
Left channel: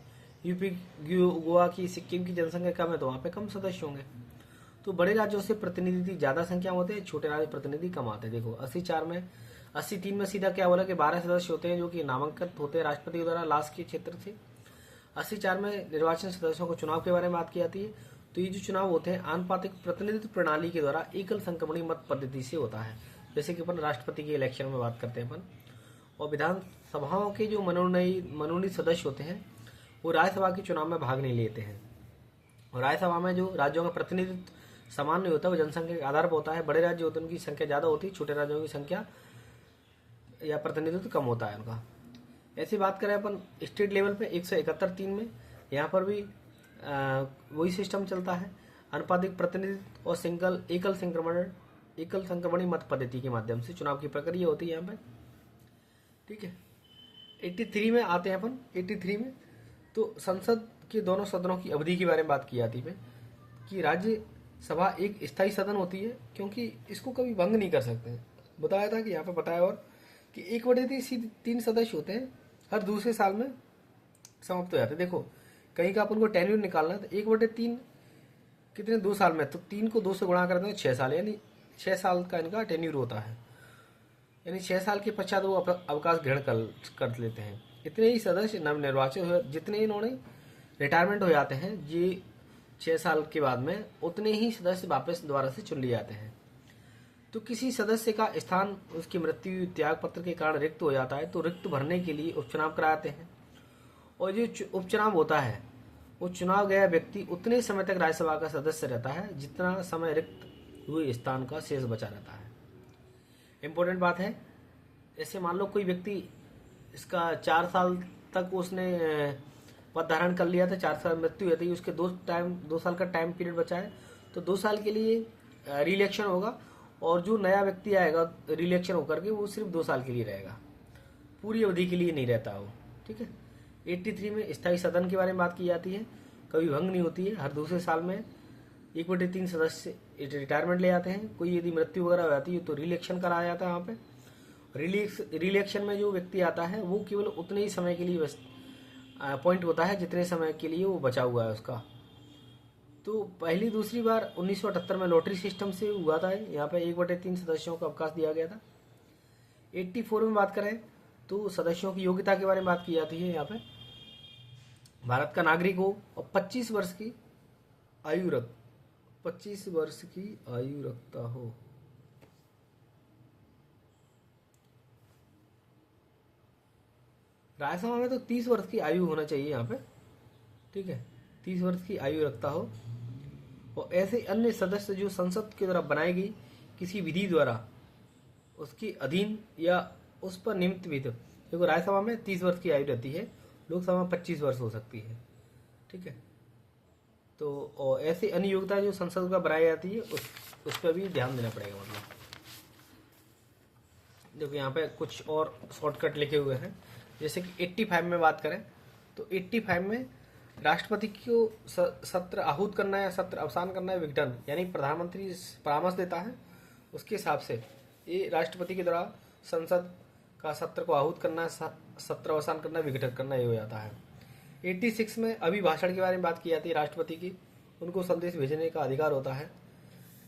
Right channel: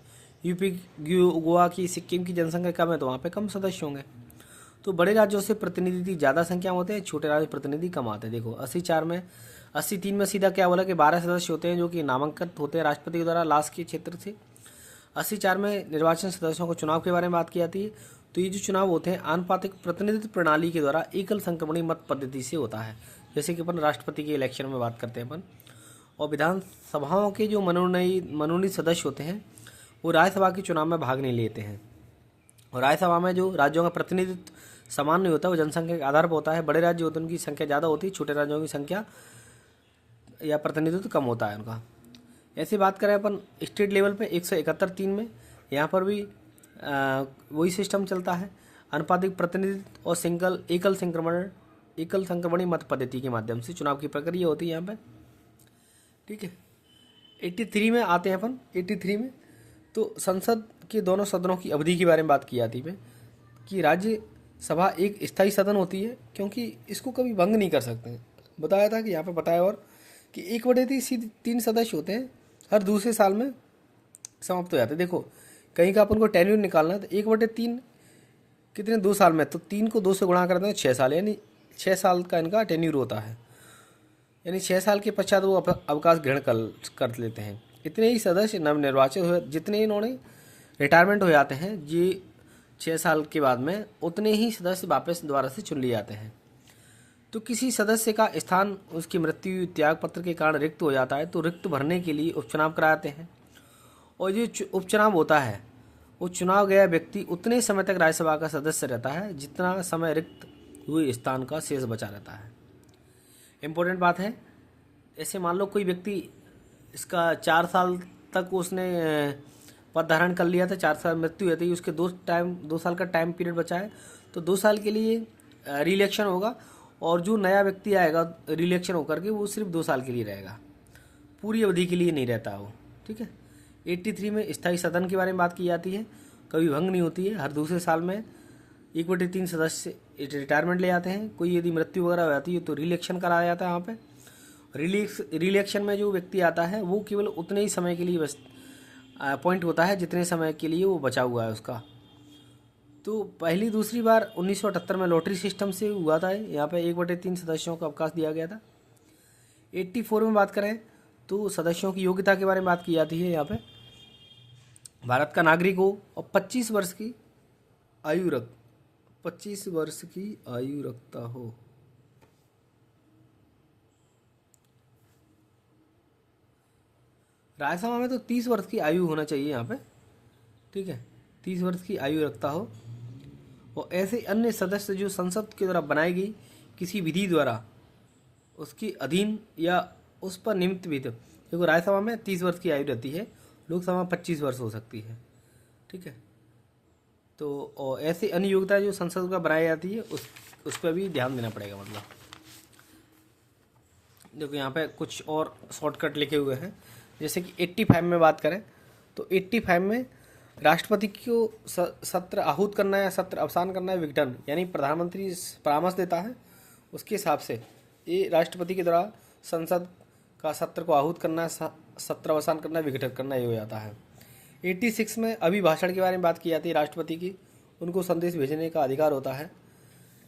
यूपी, गोवा की, सिक्किम की जनसंख्या कम है तो वहाँ पे कम सदस्य होंगे। तो बड़े राज्यों से प्रतिनिधि ज़्यादा संख्या में होते हैं, छोटे राज्य प्रतिनिधि कम आते हैं। देखो 80-3 में सीधा क्या बोला कि 12 सदस्य होते हैं जो कि नामांकित होते हैं राष्ट्रपति के द्वारा लास्ट के क्षेत्र से। 80-4 में निर्वाचन सदस्यों को चुनाव के बारे में बात की जाती है। तो ये जो चुनाव होते हैं आनुपातिक प्रतिनिधित्व प्रणाली के द्वारा एकल संक्रमणी मत पद्धति से होता है, जैसे कि अपन राष्ट्रपति के इलेक्शन में बात करते हैं अपन। और विधानसभाओं के जो मनोनीत सदस्य होते हैं वो राज्यसभा के चुनाव में भाग नहीं लेते हैं। और राज्यसभा में जो राज्यों का प्रतिनिधित्व समान नहीं होता, वो जनसंख्या के आधार पर होता है। बड़े राज्य होते हैं उनकी संख्या ज़्यादा होती है, छोटे राज्यों की संख्या या प्रतिनिधित्व कम होता है उनका। ऐसी बात करें अपन स्टेट लेवल पे 171-3 में, यहाँ पर भी वही सिस्टम चलता है, अनुपातिक प्रतिनिधित्व और एकल संक्रमणी मत पद्धति के माध्यम से चुनाव की प्रक्रिया होती है यहाँ पे। ठीक है, 83 में आते हैं अपन। 83 में तो संसद के दोनों सदनों की अवधि के बारे में बात की जाती है कि राज्यसभा एक स्थायी सदन होती है क्योंकि इसको कभी भंग नहीं कर सकते हैं। बताया था कि यहाँ पे बताया और कि 1/3 सदस्य होते हैं, हर दूसरे साल में समाप्त हो जाते हैं। देखो कहीं का अपन को टेन्यूर निकालना है तो 1/3 कितने, 2 साल में, तो 3 को 2 से गुणा करते हैं 6 साल, यानी 6 साल का इनका टेन्यूर होता है। यानी 6 साल के पश्चात वो अवकाश ग्रहण कर लेते हैं। इतने ही सदस्य नवनिर्वाचित हुए, जितने इन्होंने रिटायरमेंट हो जाते हैं ये 6 साल के बाद में, उतने ही सदस्य वापस दोबारा से चुन लिए जाते हैं। तो किसी सदस्य का स्थान उसकी मृत्यु त्याग पत्र के कारण रिक्त हो जाता है तो रिक्त भरने के लिए उपचुनाव कराते हैं, और जो उपचुनाव होता है वो चुनाव गया व्यक्ति उतने समय तक राज्यसभा का सदस्य रहता है जितना समय रिक्त हुए स्थान का शेष बचा रहता है। इम्पोर्टेंट बात है, ऐसे मान लो कोई व्यक्ति इसका 4 साल तक उसने पद धारण कर लिया था, 4 साल मृत्यु हुई थी, उसके 2 साल का टाइम पीरियड बचा है, तो 2 साल के लिए रिइलेक्शन होगा, और जो नया व्यक्ति आएगा रिइलेक्शन होकर के वो सिर्फ 2 साल के लिए रहेगा, पूरी अवधि के लिए नहीं रहता वो। ठीक है। 83 में स्थायी सदन के बारे में बात की जाती है, कभी भंग नहीं होती है, हर दूसरे साल में 1/3 सदस्य रिटायरमेंट ले जाते हैं। कोई यदि मृत्यु वगैरह हो जाती है तो रिइलेक्शन कराया जाता है। वहाँ पे रिइलेक्शन में जो व्यक्ति आता है वो केवल उतने ही समय के लिए बस अपॉइंट होता है जितने समय के लिए वो बचा हुआ है उसका। तो पहली दूसरी बार 1978 में लॉटरी सिस्टम से हुआ था, यहाँ पे 1/3 सदस्यों को अवकाश दिया गया था। 84 में बात करें तो सदस्यों की योग्यता के बारे में बात की जाती है। यहाँ पे भारत का नागरिक हो और 25 वर्ष की आयु रखता हो। राज्यसभा में तो 30 वर्ष की आयु होना चाहिए यहाँ पे। ठीक है, 30 वर्ष की आयु रखता हो, और ऐसे अन्य सदस्य जो संसद के द्वारा बनाई गई किसी विधि द्वारा उसकी अधीन या उस पर निमित्त भी थे। देखो राज्यसभा में 30 वर्ष की आयु रहती है, लोकसभा में 25 वर्ष हो सकती है। ठीक है। तो और ऐसी अन्य योग्यता जो संसद का बनाई जाती है उस पर भी ध्यान देना पड़ेगा। मतलब देखो यहाँ पे कुछ और शॉर्टकट लिखे हुए हैं, जैसे कि 85 में बात करें तो 85 में राष्ट्रपति को सत्र आहूत करना है, सत्र अवसान करना है, विघटन, यानी प्रधानमंत्री परामर्श देता है, उसके हिसाब से ये राष्ट्रपति के द्वारा संसद का सत्र को आहूत करना है, सत्र अवसान करना, विघटन करना, ये हो जाता है। 86 में अभिभाषण के बारे में बात की जाती है राष्ट्रपति की, उनको संदेश भेजने का अधिकार होता है।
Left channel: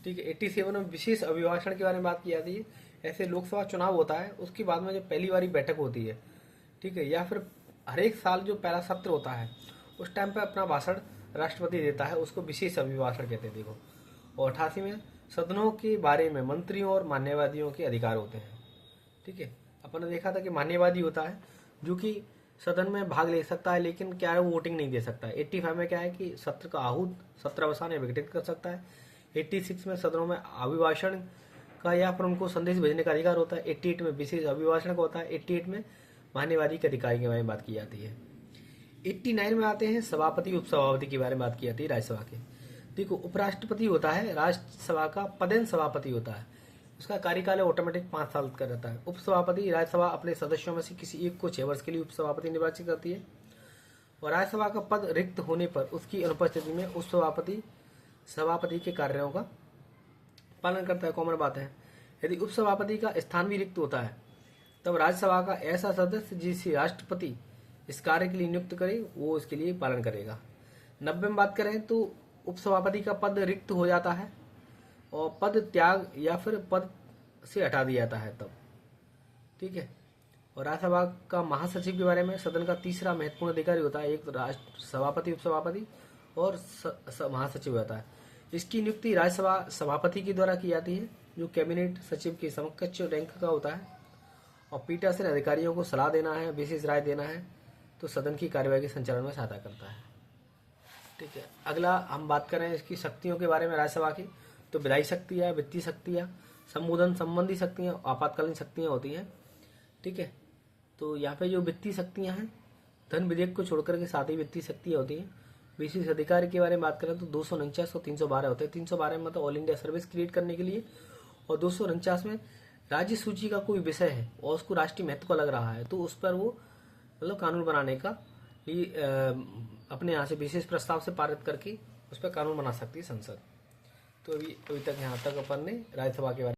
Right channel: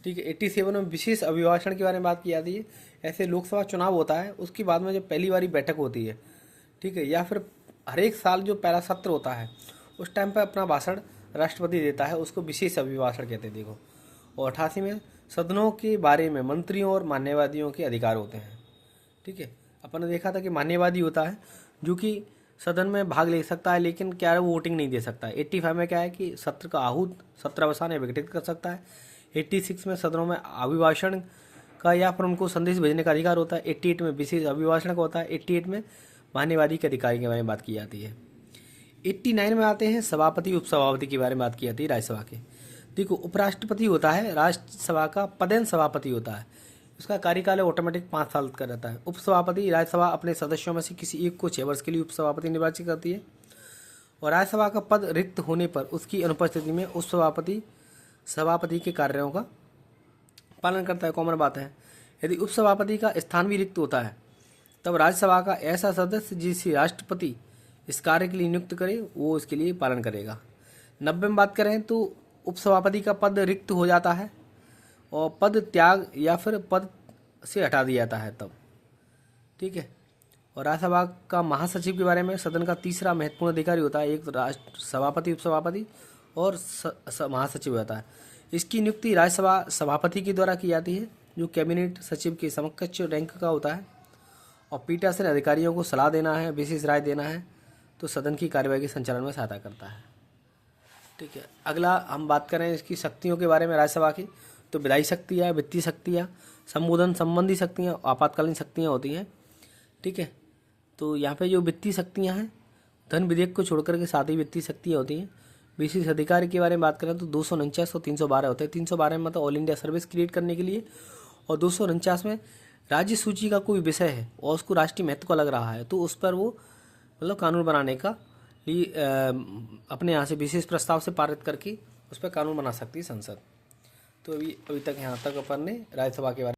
ठीक है। 87 में विशेष अभिभाषण के बारे में बात की जाती है। ऐसे लोकसभा चुनाव होता है, उसके बाद में जो पहली बारी बैठक होती है, ठीक है, या फिर हर एक साल जो पहला सत्र होता है उस टाइम पर अपना भाषण राष्ट्रपति देता है, उसको विशेष अभिभाषण कहते हैं। देखो, और 88 में सदनों के बारे में मंत्रियों और मान्यवादियों के अधिकार होते हैं। ठीक है। अपन ने देखा था कि मान्यवादी होता है जो कि सदन में भाग ले सकता है, लेकिन क्या है वो वोटिंग नहीं दे सकता है। 85 में क्या है कि सत्र का आहूत, सत्र अवसान या विघटित कर सकता है। 86 में सदनों में अभिभाषण का या फिर उनको संदेश भेजने का अधिकार होता है। 88 में विशेष अभिभाषण का होता है। 88 में मान्यवादी के अधिकार के बारे में बात की जाती है। 89 में आते हैं सभापति उपसभापति के बारे में बात की जाती है राज्यसभा के। देखो, उपराष्ट्रपति होता है राज्यसभा का पदेन सभापति होता है, उसका कार्यकाल ऑटोमेटिक 5 साल का रहता है। उपसभापति राज्यसभा अपने सदस्यों में से किसी एक को 6 वर्ष के लिए उपसभापति निर्वाचित करती है, और राज्यसभा का पद रिक्त होने पर उसकी अनुपस्थिति में उपसभापति सभापति के कार्यों का पालन करता है। कॉमन बात है। यदि उपसभापति का स्थान भी रिक्त होता है तब राज्यसभा का ऐसा सदस्य जिसे राष्ट्रपति इस कार्य के लिए नियुक्त करे वो इसके लिए पालन करेगा। 90 में बात करें तो उपसभापति का पद रिक्त हो जाता है और पद त्याग या फिर पद से हटा दिया जाता है तब। ठीक है। और राज्यसभा का महासचिव के बारे में, सदन का तीसरा महत्वपूर्ण अधिकारी होता है, एक राष्ट्र सभापति, उपसभापति और महासचिव होता है। इसकी नियुक्ति राज्यसभा सभापति के द्वारा की जाती है, जो कैबिनेट सचिव के समकक्ष रैंक का होता है, और पीठासीन अधिकारियों को सलाह देना है, विशेष राय देना है, तो सदन की कार्यवाही के संचालन में सहायता करता है। ठीक है। अगला हम बात करें इसकी शक्तियों के बारे में राज्यसभा की, तो विधायी शक्तियाँ, वित्तीय शक्तियाँ, संबोधन संबंधी शक्तियाँ, आपातकालीन शक्तियाँ होती हैं। ठीक है। तो यहाँ पे जो वित्तीय शक्तियाँ हैं, धन विधेयक को छोड़कर के साथ ही वित्तीय शक्तियाँ होती हैं। विशेष अधिकार की बारे में बात करें तो 249 और 312 होते हैं। 312 में मतलब ऑल इंडिया सर्विस क्रिएट करने के लिए, और 249 में राज्य सूची का कोई विषय है और उसको राष्ट्रीय महत्व का लग रहा है तो उस पर वो मतलब कानून बनाने का लिए अपने यहाँ से विशेष प्रस्ताव से पारित करके उस पर कानून बना सकती है संसद। तो अभी तक यहाँ तक अपन ने राज्यसभा के बारे में